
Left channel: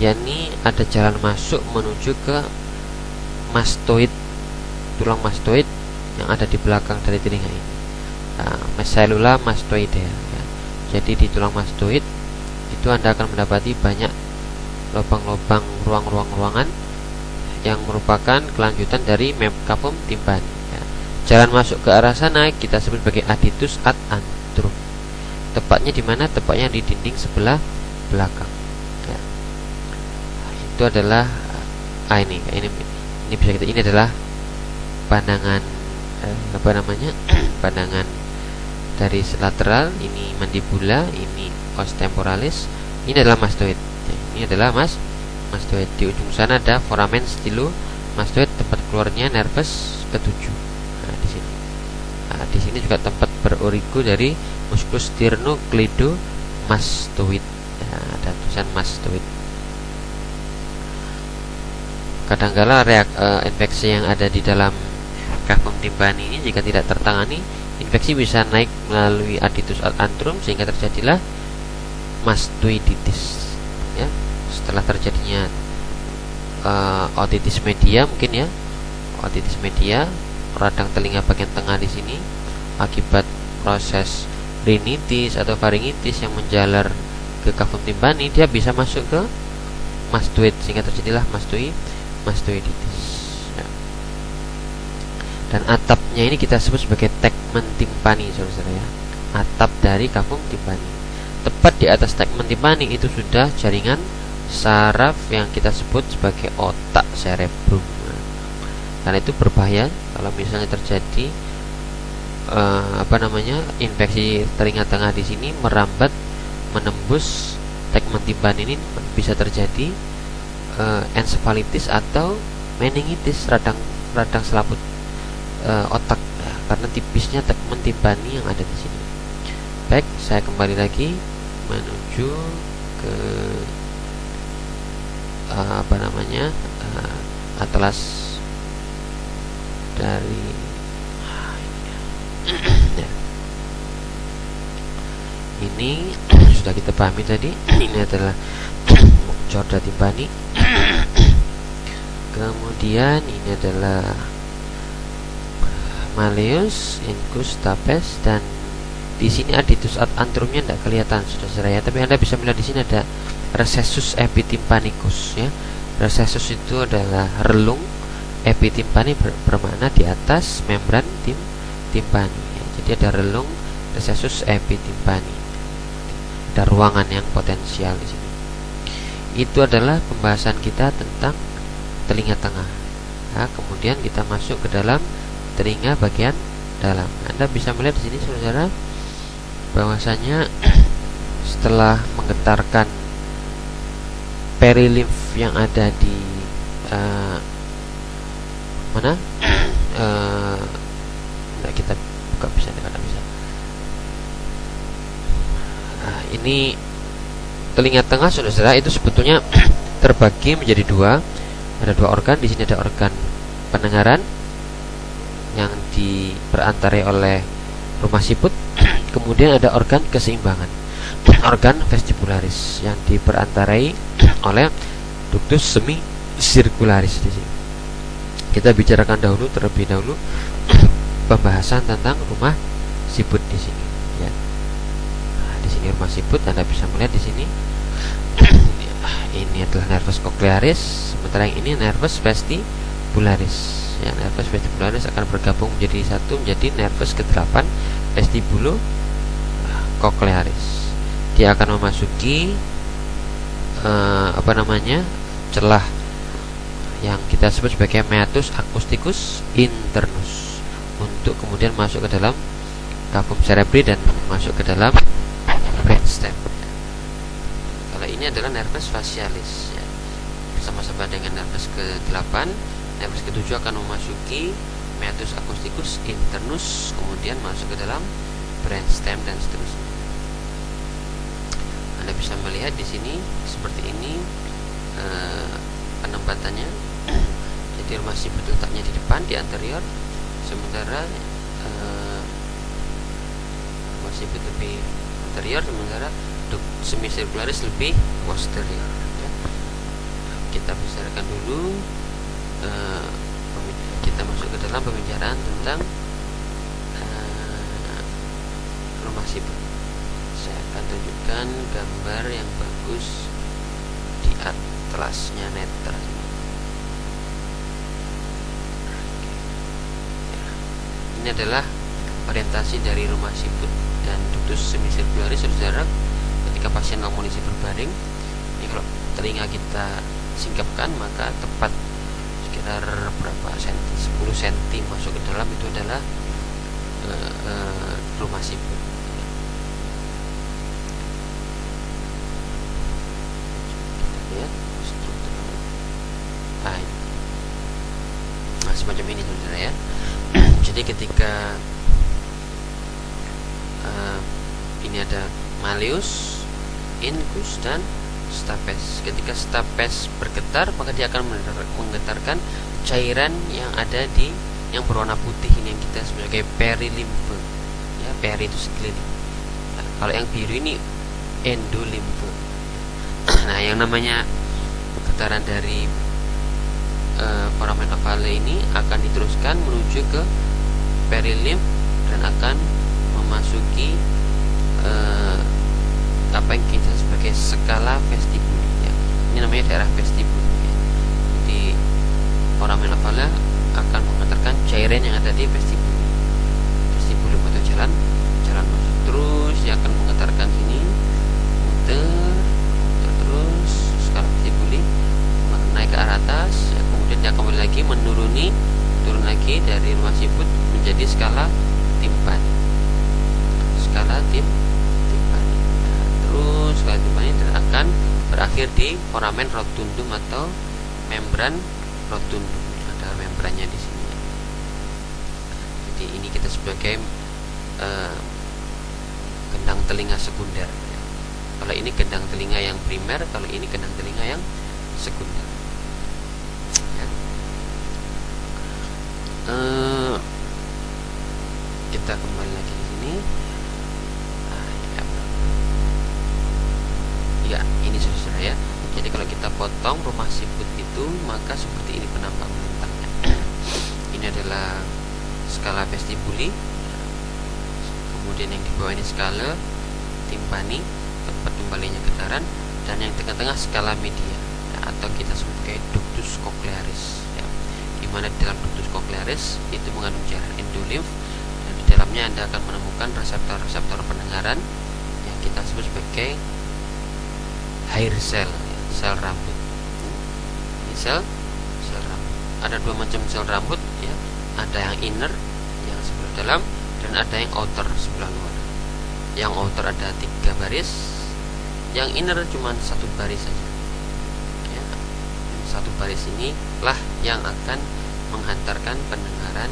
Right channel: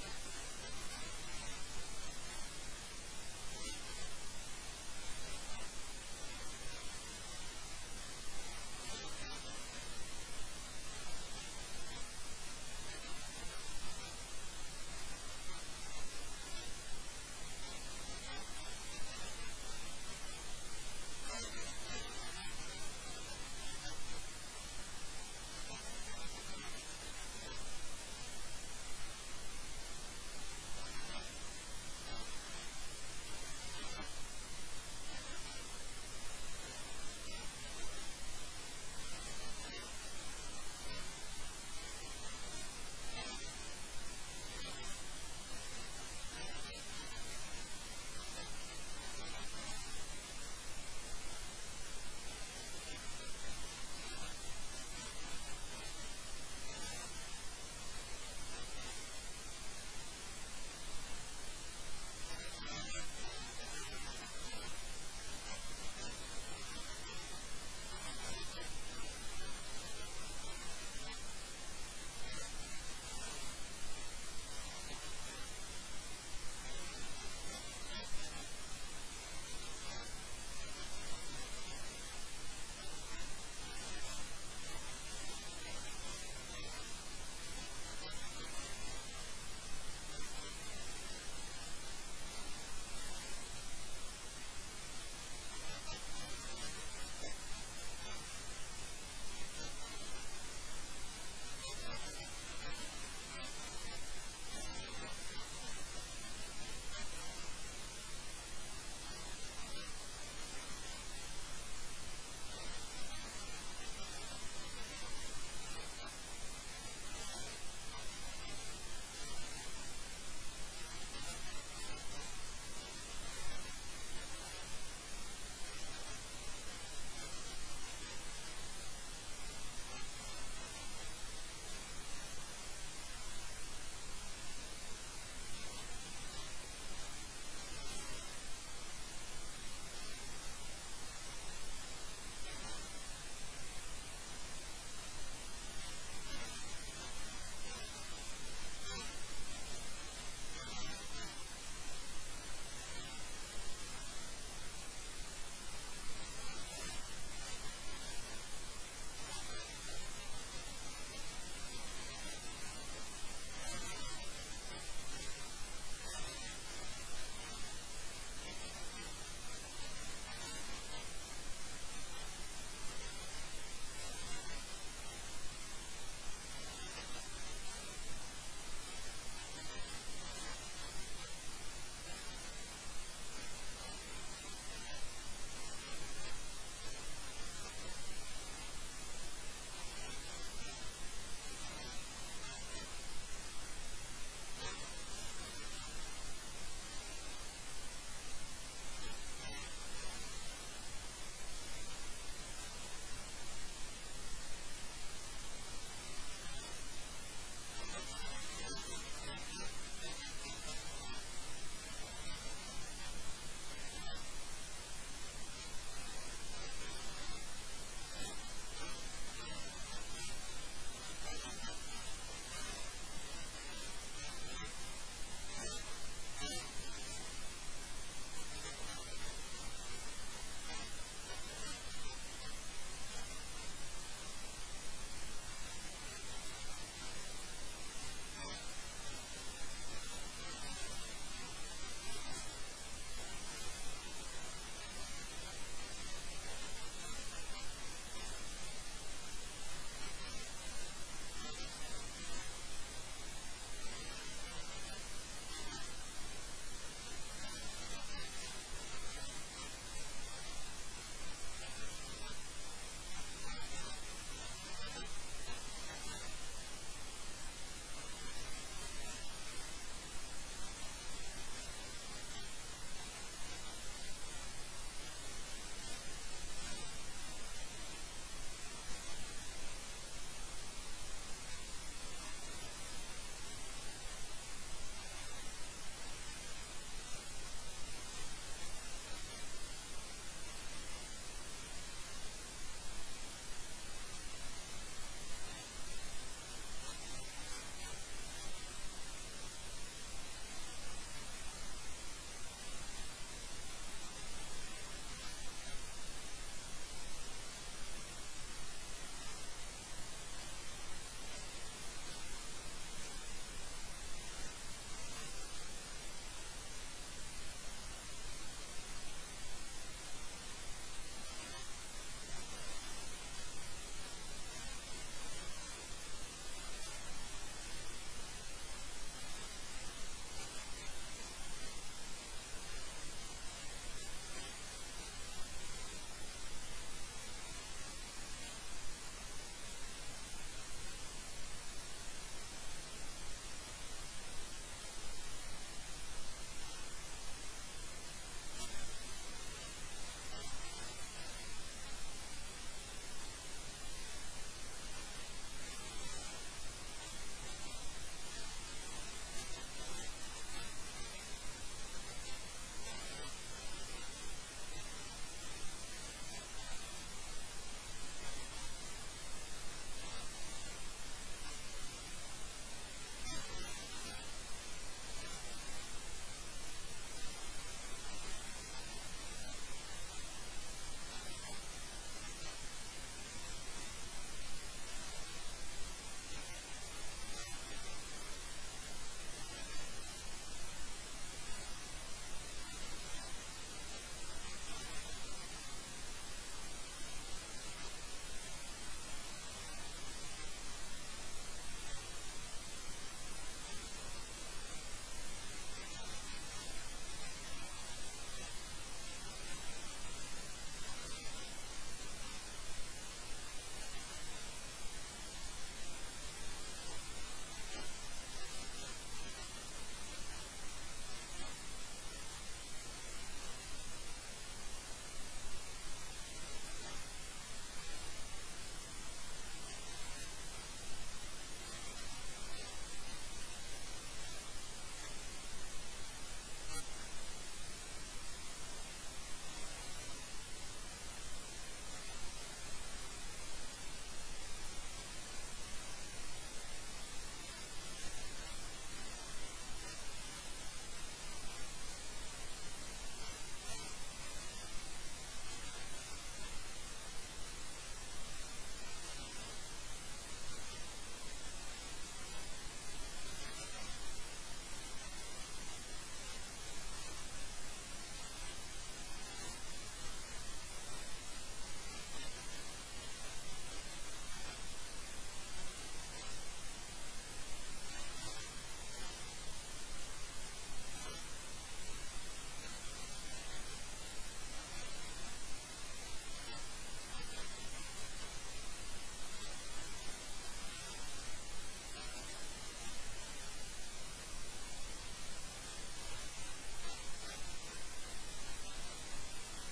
yakni ada jalan masuk menuju ke mastoid, tulang mastoid yang ada di belakang dari telinga ini, cellula mastoidea, ya. Jadi di tulang mastoid itu Anda akan mendapati banyak lubang-lubang, ruang-ruangan yang merupakan kelanjutan dari cavum timpani, ya. Jalan masuk ke arah sana kita sebut sebagai additus ad antrum. Tepatnya di mana? Tepatnya di dinding sebelah belakang, ya. Itu adalah ini bisa kita, ini adalah pandangan pandangan dari lateral. Ini mandibula, ini os temporalis, ini adalah mastoid. Ini adalah mastoid. Di ujung sana ada foramen stylo mastoid, tempat keluarnya nervus ketujuh. Nah, di sini. Nah, di sini juga tempat berorigo dari musculus sternocleidomastoid. Ya, ada tulisan mastoid. Kadangkala infeksi yang ada di dalam cavum timpani ini jika tidak tertangani, infeksi bisa naik melalui additus ad antrum sehingga terjadilah mastoiditis, ya. Setelah terjadinya otitis media, mungkin ya, otitis media radang telinga bagian tengah di sini akibat proses rinitis atau faringitis yang menjalar ke cavum timpani, dia bisa masuk ke mastoid sehingga terjadilah mastoiditis, ya. Dan atapnya ini kita sebut sebagai tegmen timpani, saudara-saudara, ya. Atap dari cavum timpani. Tepat di atas tegmen timpani itu sudah jaringan saraf yang kita sebut sebagai otak cerebrum. Karena itu berbahaya kalau misalnya terjadi infeksi telinga tengah di sini merambat menembus tegmen timpani, ini bisa terjadi ensefalitis atau meningitis, radang selaput otak, ya, karena tipisnya tegmen timpani yang ada di sini. Baik, saya kembali lagi menuju ke atlas dari ya. Ini sudah kita pahami tadi. Ini adalah chorda timpani. Kemudian ini adalah malleus, incus, stapes, dan di sini additus ad antrumnya tidak kelihatan, saudara-saudara, ya. Tapi Anda bisa melihat di sini ada recessus epitimpanicus, ya. Recessus itu adalah relung, epitimpani bermakna di atas membran timpani, ya. Jadi ada relung, recessus epitimpani. Ada ruangan yang potensial di sini. Itu adalah pembahasan kita tentang telinga tengah. Nah, kemudian kita masuk ke dalam telinga bagian dalam. Anda bisa melihat di sini, saudara, bahwasanya setelah menggetarkan perilimf yang ada di kita buka, bisa. Ini telinga tengah, saudara, itu sebetulnya terbagi menjadi dua. Ada dua organ. Di sini ada organ pendengaran yang diperantarai oleh rumah siput. Kemudian ada organ keseimbangan, organ vestibularis, yang diperantarai oleh ductus semicircularis di sini. Kita bicarakan terlebih dahulu pembahasan tentang rumah siput di sini, ya. di sini rumah siput, Anda bisa melihat di sini. Ini adalah nervus cochlearis, sementara yang ini nervus vestibularis. Ya, nervus vestibularis akan bergabung menjadi satu, menjadi nervus ke-8 vestibulo cochlearis. Dia akan memasuki celah yang kita sebut sebagai meatus acousticus internus untuk kemudian masuk ke dalam cavum cerebri dan masuk ke dalam brainstem. Kalau ini adalah nervus facialis ya. Bersama-sama dengan nervus ke-8, nervus ke-7 akan memasuki meatus acousticus internus, kemudian masuk ke dalam brainstem dan seterusnya. Anda bisa melihat di sini seperti ini penempatannya. Jadi rumah siput letaknya di depan, di anterior, sementara rumah siput lebih anterior, sementara semicircularis lebih posterior ya. Kita bicarakan dulu, kita masuk ke dalam pembicaraan tentang rumah siput. Saya akan tunjukkan gambar yang bagus di atlasnya netra. Ini adalah orientasi dari rumah siput dan ductus semicircularis, saudara. Ketika pasien amunisi berbaring, ini kalau telinga kita singkapkan, maka tepat sekitar berapa senti, 10 cm masuk ke dalam, itu adalah rumah siput. Lihat strukturnya. Nah, semacam ini, saudara ya. Jadi ketika ini ada malleus, incus, dan stapes. Ketika stapes bergetar, maka dia akan menggetarkan cairan yang ada di yang berwarna putih ini, yang kita sebagai perilimfe. Ya, peri itu sekeliling. Nah, kalau yang biru ini endolimfe. Nah, yang namanya getaran dari foramen ovale ini akan diteruskan menuju ke perilimf dan akan memasuki apa yang kita sebagai skala vestibuli ya. Ini namanya daerah vestibuli ya. Jadi foramen ovale akan mengantarkan cairan yang ada di vestibuli. Vestibuli atau jalan masuk terus, dia akan mengantarkan sini, muter terus skala vestibuli naik ke arah atas ya, kemudian dia kembali lagi turun lagi dari rumah siput menjadi skala timpani. Skala timpani. Nah, terus skala timpani dan akan berakhir di foramen rotundum atau membran rotundum. Ada membrannya di sini. Jadi ini kita sebagai gendang telinga sekunder. Kalau ini gendang telinga yang primer, kalau ini gendang telinga yang sekunder. Ya. Kita kembali lagi di sini. Ya, ini saudara ya. Jadi kalau kita potong rumah siput itu, maka seperti ini penampakan bentangnya. Ini adalah skala vestibuli. Kemudian yang di bawah ini skala timpani, tempat kembalinya getaran, dan yang tengah-tengah skala media ya, atau kita sebut sebagai ductus cochlearis ya. Di mana di dalam ductus cochlearis itu mengandung cairan endolimf, dan di dalamnya Anda akan menemukan reseptor-reseptor pendengaran yang kita sebut sebagai hair cell, sel rambut. Ini sel rambut. Ada dua macam sel rambut ya. Ada yang inner yang sebelah dalam, dan ada yang outer sebelah luar. Yang outer ada 3 baris, yang inner cuma 1 baris saja ya. 1 baris ini lah yang akan menghantarkan pendengaran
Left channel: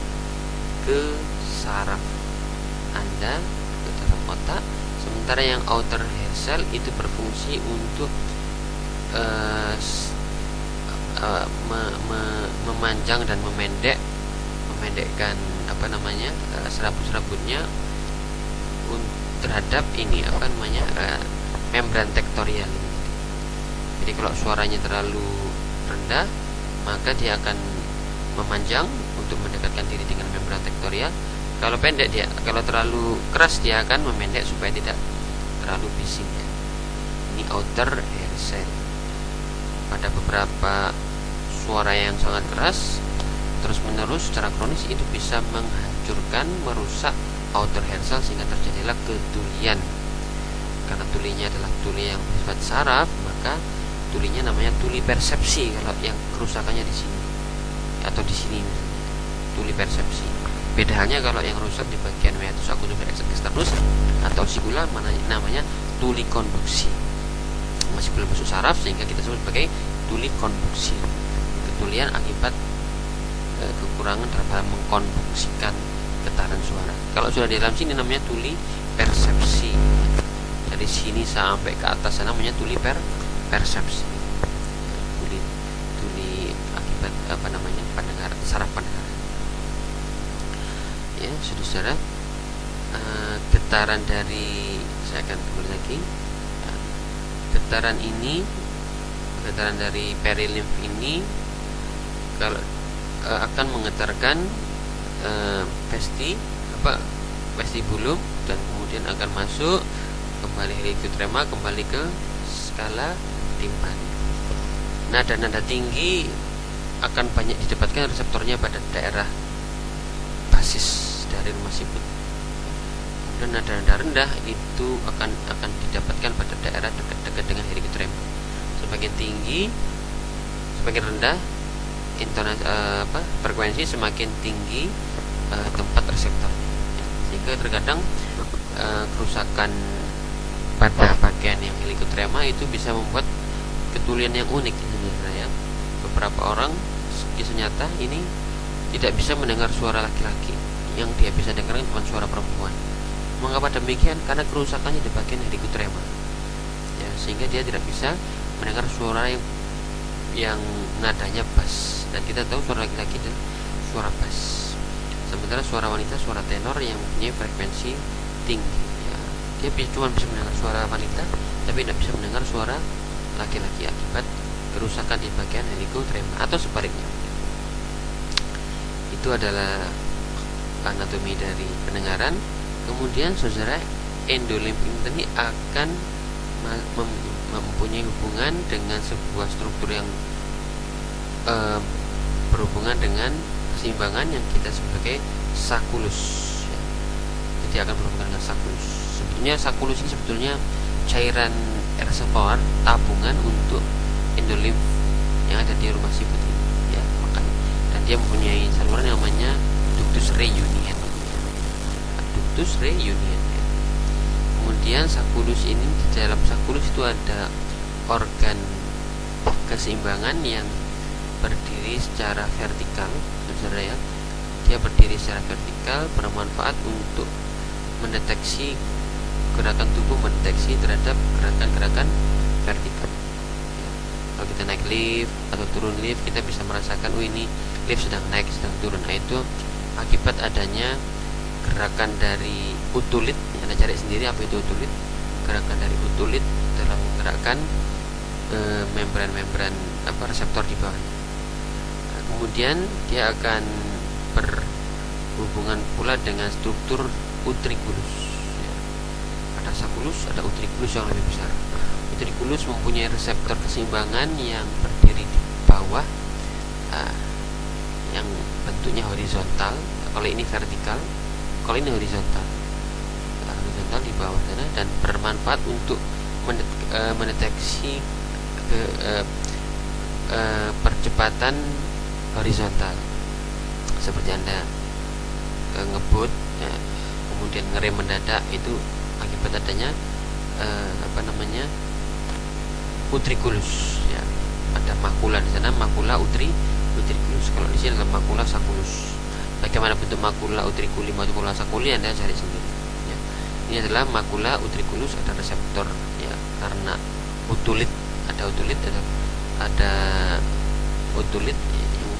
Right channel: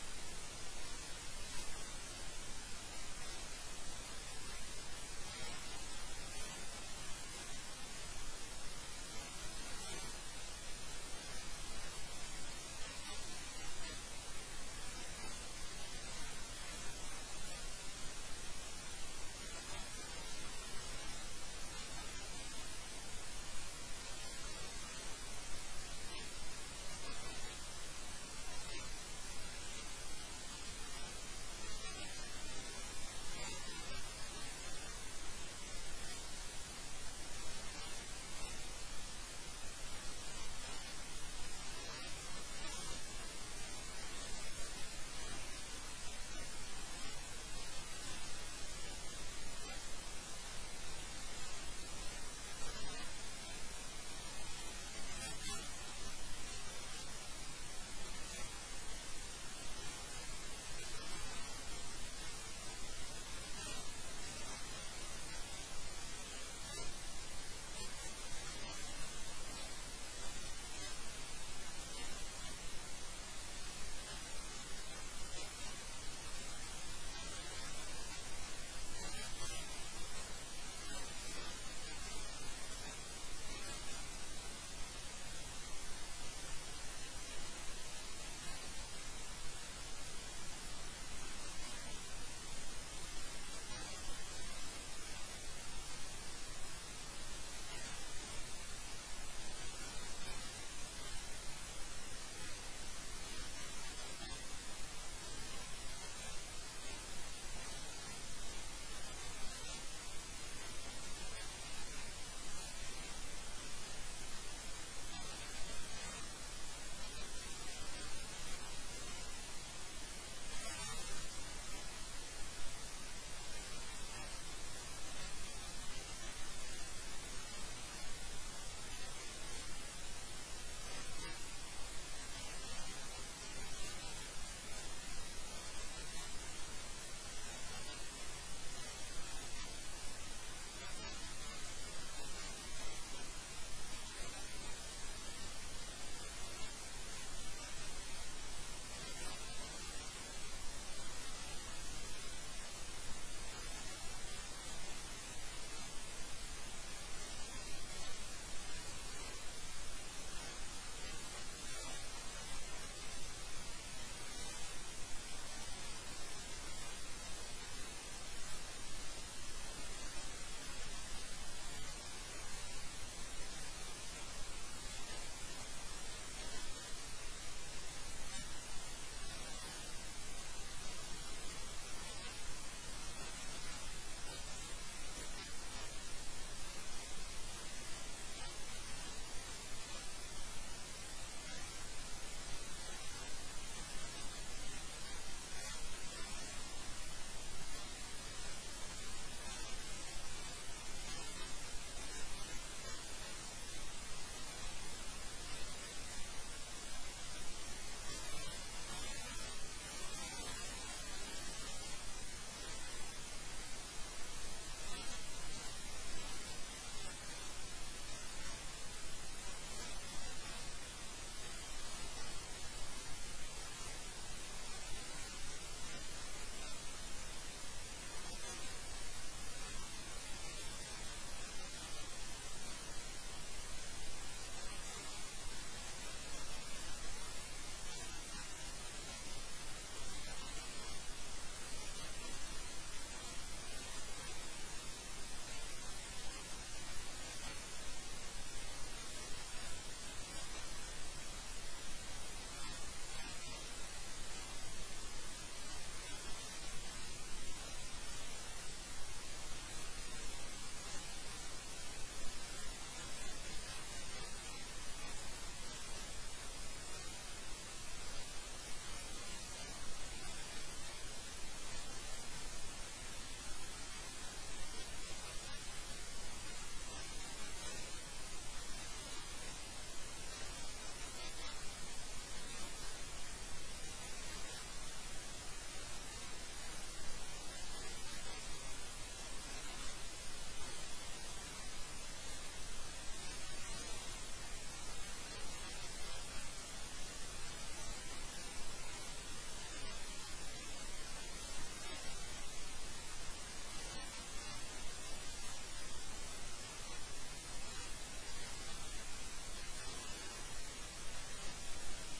ke saraf Anda, ke dalam otak. Sementara yang outer hair cell itu berfungsi untuk memanjang dan memendekkan serabut-serabutnya terhadap ini membran tektorial. Jadi kalau suaranya terlalu rendah, maka dia akan memanjang untuk mendekatkan diri dengan membran tektorial. Kalau pendek kalau terlalu keras dia akan memendek supaya tidak terlalu bising ya. Ini outer hair cell. Pada beberapa suara yang sangat keras terus menerus secara kronis itu bisa menghancurkan, merusak outer hair cell sehingga terjadilah ketulian. Karena tulinya adalah tuli yang bersifat saraf, maka tulinya namanya tuli persepsi kalau yang kerusakannya di sini atau di sini misalnya, tuli persepsi. Beda halnya kalau yang rusak di bagian meatus accumbens externus atau sigula namanya tuli konduksi. Masih belum masuk saraf sehingga kita sebut sebagai tuli konduksi. Ketulian akibat kekurangan dalam mengkonduksikan getaran suara. Kalau sudah di dalam sini namanya tuli persepsi. Dari sini sampai ke atas sana namanya tuli persepsi. Tuli akibat pendengaran, saraf pendengaran. Ya, saudara, getaran dari, saya akan kembali lagi. Getaran dari perilimf ini kalau akan menggetarkan vestibulum dan kemudian akan masuk kembali heliotrema, kembali ke skala timpani. Nada-nada tinggi akan banyak didapatkan reseptornya pada daerah basis dari rumah siput. Dan nada-nada rendah itu akan didapatkan pada daerah dekat dengan heliotrema. Semakin tinggi, semakin rendah frekuensi, semakin tinggi tempat reseptornya. Sehingga terkadang kerusakan pada bagian yang heliotrema itu bisa membuat ketulian yang unik sebenarnya. Beberapa orang kisah nyata ini tidak bisa mendengar suara laki-laki, yang dia bisa dengarkan bukan suara perempuan. Mengapa demikian? Karena kerusakannya di bagian heliotrema ya, sehingga dia tidak bisa mendengar suara yang nadanya bass. Dan kita tahu suara laki-laki itu suara bass, sementara suara wanita suara tenor yang mempunyai frekuensi tinggi ya. Dia cuma bisa mendengar suara wanita tapi tidak bisa mendengar suara laki-laki akibat kerusakan di bagian heliotrema atau sebaliknya. Itu adalah anatomi dari pendengaran. Kemudian saudara, endolimf ini akan mempunyai hubungan dengan sebuah struktur yang berhubungan dengan keseimbangan yang kita sebagai sakulus ya. Jadi akan berhubungan dengan sakulus. Sebetulnya sakulus ini sebetulnya cairan reservoir tabungan untuk endolimf yang ada di rumah siput ini ya, makanya. Dan dia mempunyai saluran yang namanya ductus reunion ya. Ductus reunion ya. Kemudian sakulus ini, di dalam sakulus itu ada organ keseimbangan yang berdiri secara vertikal, saudara ya. Dia berdiri secara vertikal, bermanfaat untuk mendeteksi gerakan tubuh, mendeteksi terhadap gerakan-gerakan vertikal ya. Kalau kita naik lift atau turun lift, kita bisa merasakan, oh ini lift sedang naik, sedang turun. Nah, itu akibat adanya gerakan dari utulit. Anda cari sendiri apa itu utulit. Gerakan dari utulit dalam menggerakkan membran-membran reseptor di bawah. Kemudian dia akan berhubungan pula dengan struktur utriculus ya. Ada sakulus, ada utriculus yang lebih besar. Utriculus mempunyai reseptor keseimbangan yang berdiri di bawah yang bentuknya horizontal. Kalau ini vertikal, kalau ini horizontal. Horizontal di bawah sana, dan bermanfaat untuk mendeteksi percepatan horizontal. Seperti Anda ngebut ya, kemudian ngerem mendadak, itu akibat adanya utriculus ya. Ada makula di sana, makula utriculus. Kalau di sini adalah makula sakulus. Bagaimana bentuk makula utriculi, makula sakuli, Anda cari sendiri ya. Ini adalah makula utriculus, ada reseptor ya, karena utulit, ada utulit yang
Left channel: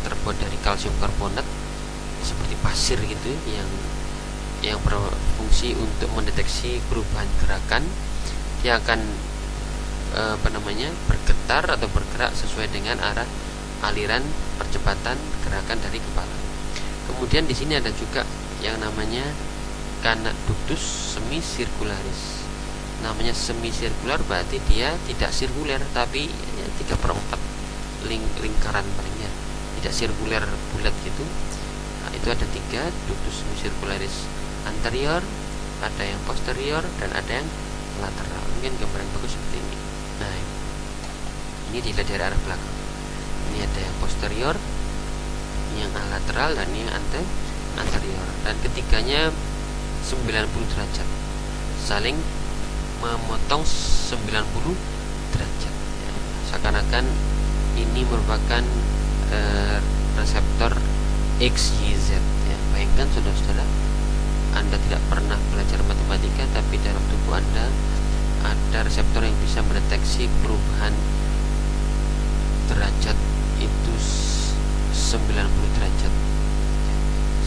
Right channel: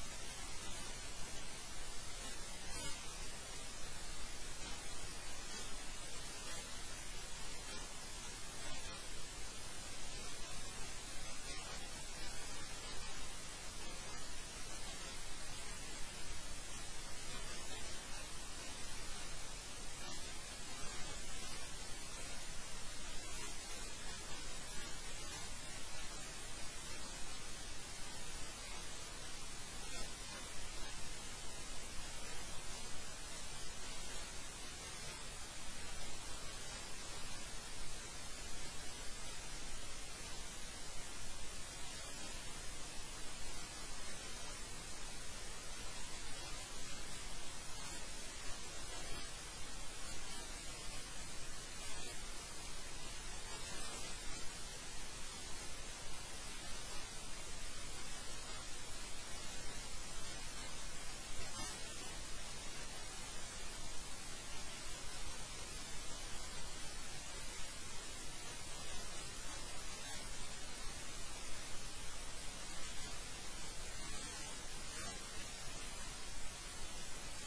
terbuat dari kalsium karbonat seperti pasir gitu, yang berfungsi untuk mendeteksi perubahan gerakan. Dia akan bergetar atau bergerak sesuai dengan arah aliran percepatan gerakan dari kepala. Kemudian di sini ada juga yang namanya kana ductus semisirkularis. namanya semisirkular berarti dia tidak sirkuler, tapi ya, 3/4 lingkaran palingnya, tidak sirkuler bulat gitu. Nah, itu ada 3 ductus semicircularis anterior, ada yang posterior, dan ada yang lateral. Mungkin gambaran bagus seperti ini. Nah, ini dilihat dari arah belakang. Ini ada yang posterior, yang lateral, dan ini yang anterior. Dan ketiganya 90 derajat, saling memotong 90 derajat. Ya, seakan-akan ini merupakan reseptor XYZ. Ya, bayangkan saudara-saudara, Anda tidak pernah belajar matematika, tapi dalam tubuh Anda ada reseptor yang bisa mendeteksi perubahan derajat itu 90 derajat.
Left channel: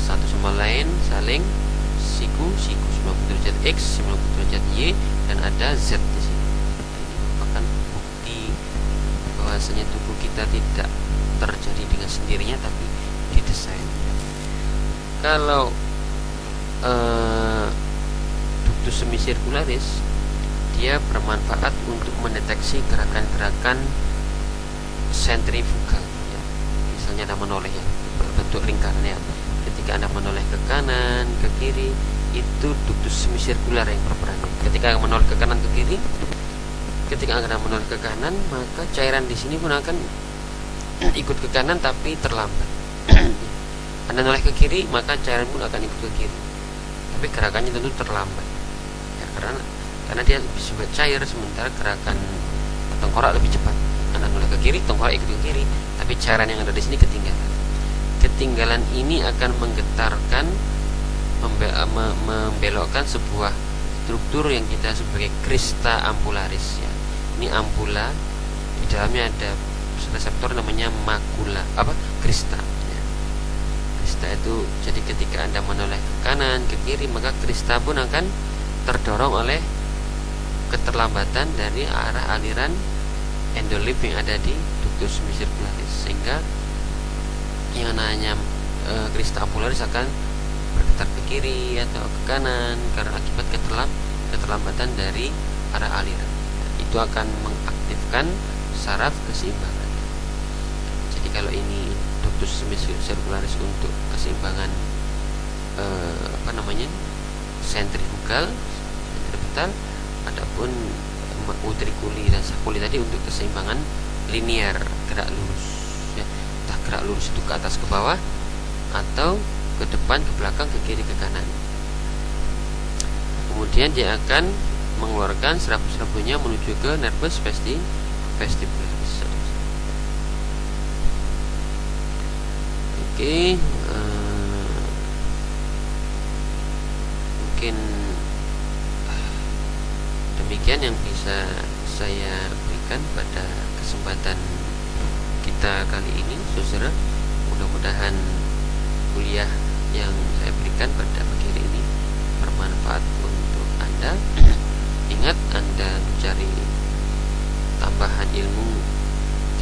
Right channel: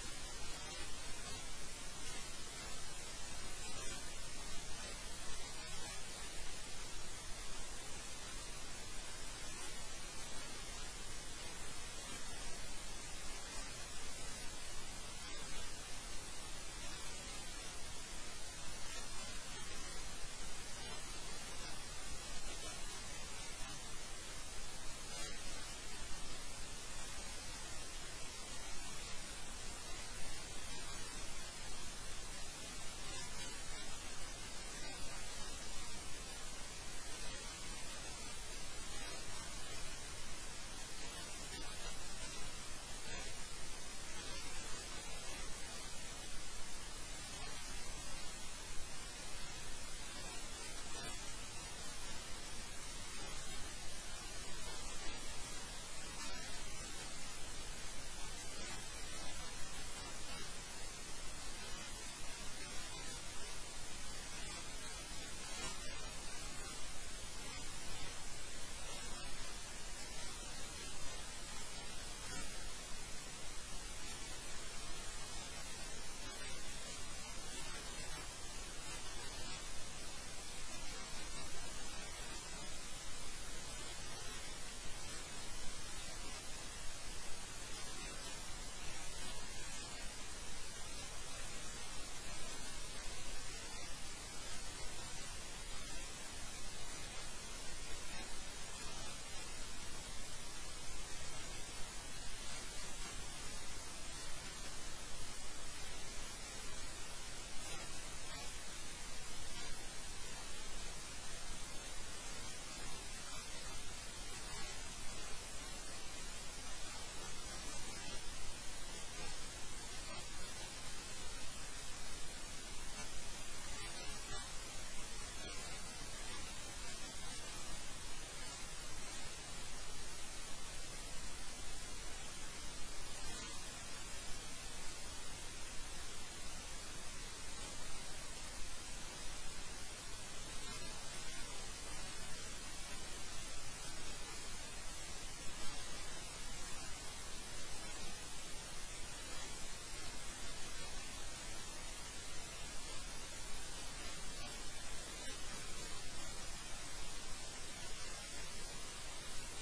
Satu sama lain saling siku 90 derajat X, 90 derajat Y, dan ada Z di sini. Ini merupakan bukti bahwasanya tubuh kita tidak terjadi dengan sendirinya, tapi didesain. Kalau ductus semicircularis dia bermanfaat untuk mendeteksi gerakan-gerakan sentrifugal. Ya. Misalnya Anda menoleh, ya, bentuk lingkarannya. Ketika Anda menoleh ke kanan, ke kiri, itu ductus semicircular yang berperan. Ketika menoleh ke kanan, ke kiri, ketika Anda menoleh ke kanan, maka cairan di sini pun akan ikut ke kanan tapi terlambat. Anda noleh ke kiri, maka cairan pun akan ikut ke kiri, tapi gerakannya tentu terlambat. Ya, karena dia lebih cepat cair, sementara gerakan tengkorak lebih cepat. Anda noleh ke kiri, tengkorak ikut ke kiri, tapi cairan yang ada di sini ketinggalan. Ketinggalan ini akan menggetarkan, membelokkan sebuah struktur yang kita sebagai crista ampularis. Ya. Ini ampula, di dalamnya ada reseptor namanya makula, crista. Ya. Crista itu, jadi ketika Anda menoleh ke kanan, ke kiri, maka crista pun akan terdorong oleh keterlambatan dari arah aliran endolimf yang ada di ductus semicircularis, sehingga yang namanya crista ampularis akan bergetar ke kiri atau ke kanan karena akibat keterlambatan dari arah aliran. Itu akan mengaktifkan saraf keseimbangan. Jadi kalau ini ductus semicircularis untuk keseimbangan sentrifugal, adapun utriculi dan saculi tadi untuk keseimbangan linear, gerak lurus. Ya, entah gerak lurus itu ke atas ke bawah atau ke depan, ke belakang, ke kiri, ke kanan. Kemudian dia akan mengeluarkan serabut-serabutnya menuju ke nervus vestibularis. Oke, mungkin demikian yang bisa saya berikan pada kesempatan kita kali ini, saudara. Mudah-mudahan kuliah yang saya berikan pada pagi hari ini bermanfaat untuk Anda. Ingat, Anda mencari tambahan ilmu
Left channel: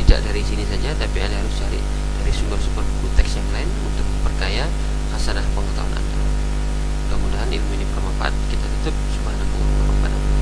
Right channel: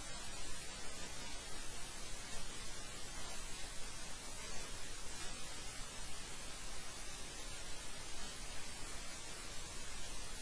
tidak dari sini saja, tapi Anda harus cari dari sumber-sumber buku teks yang lain untuk memperkaya hasanah pengetahuan Anda. Mudah-mudahan ilmu ini bermanfaat. Kita tutup. Subhanallah.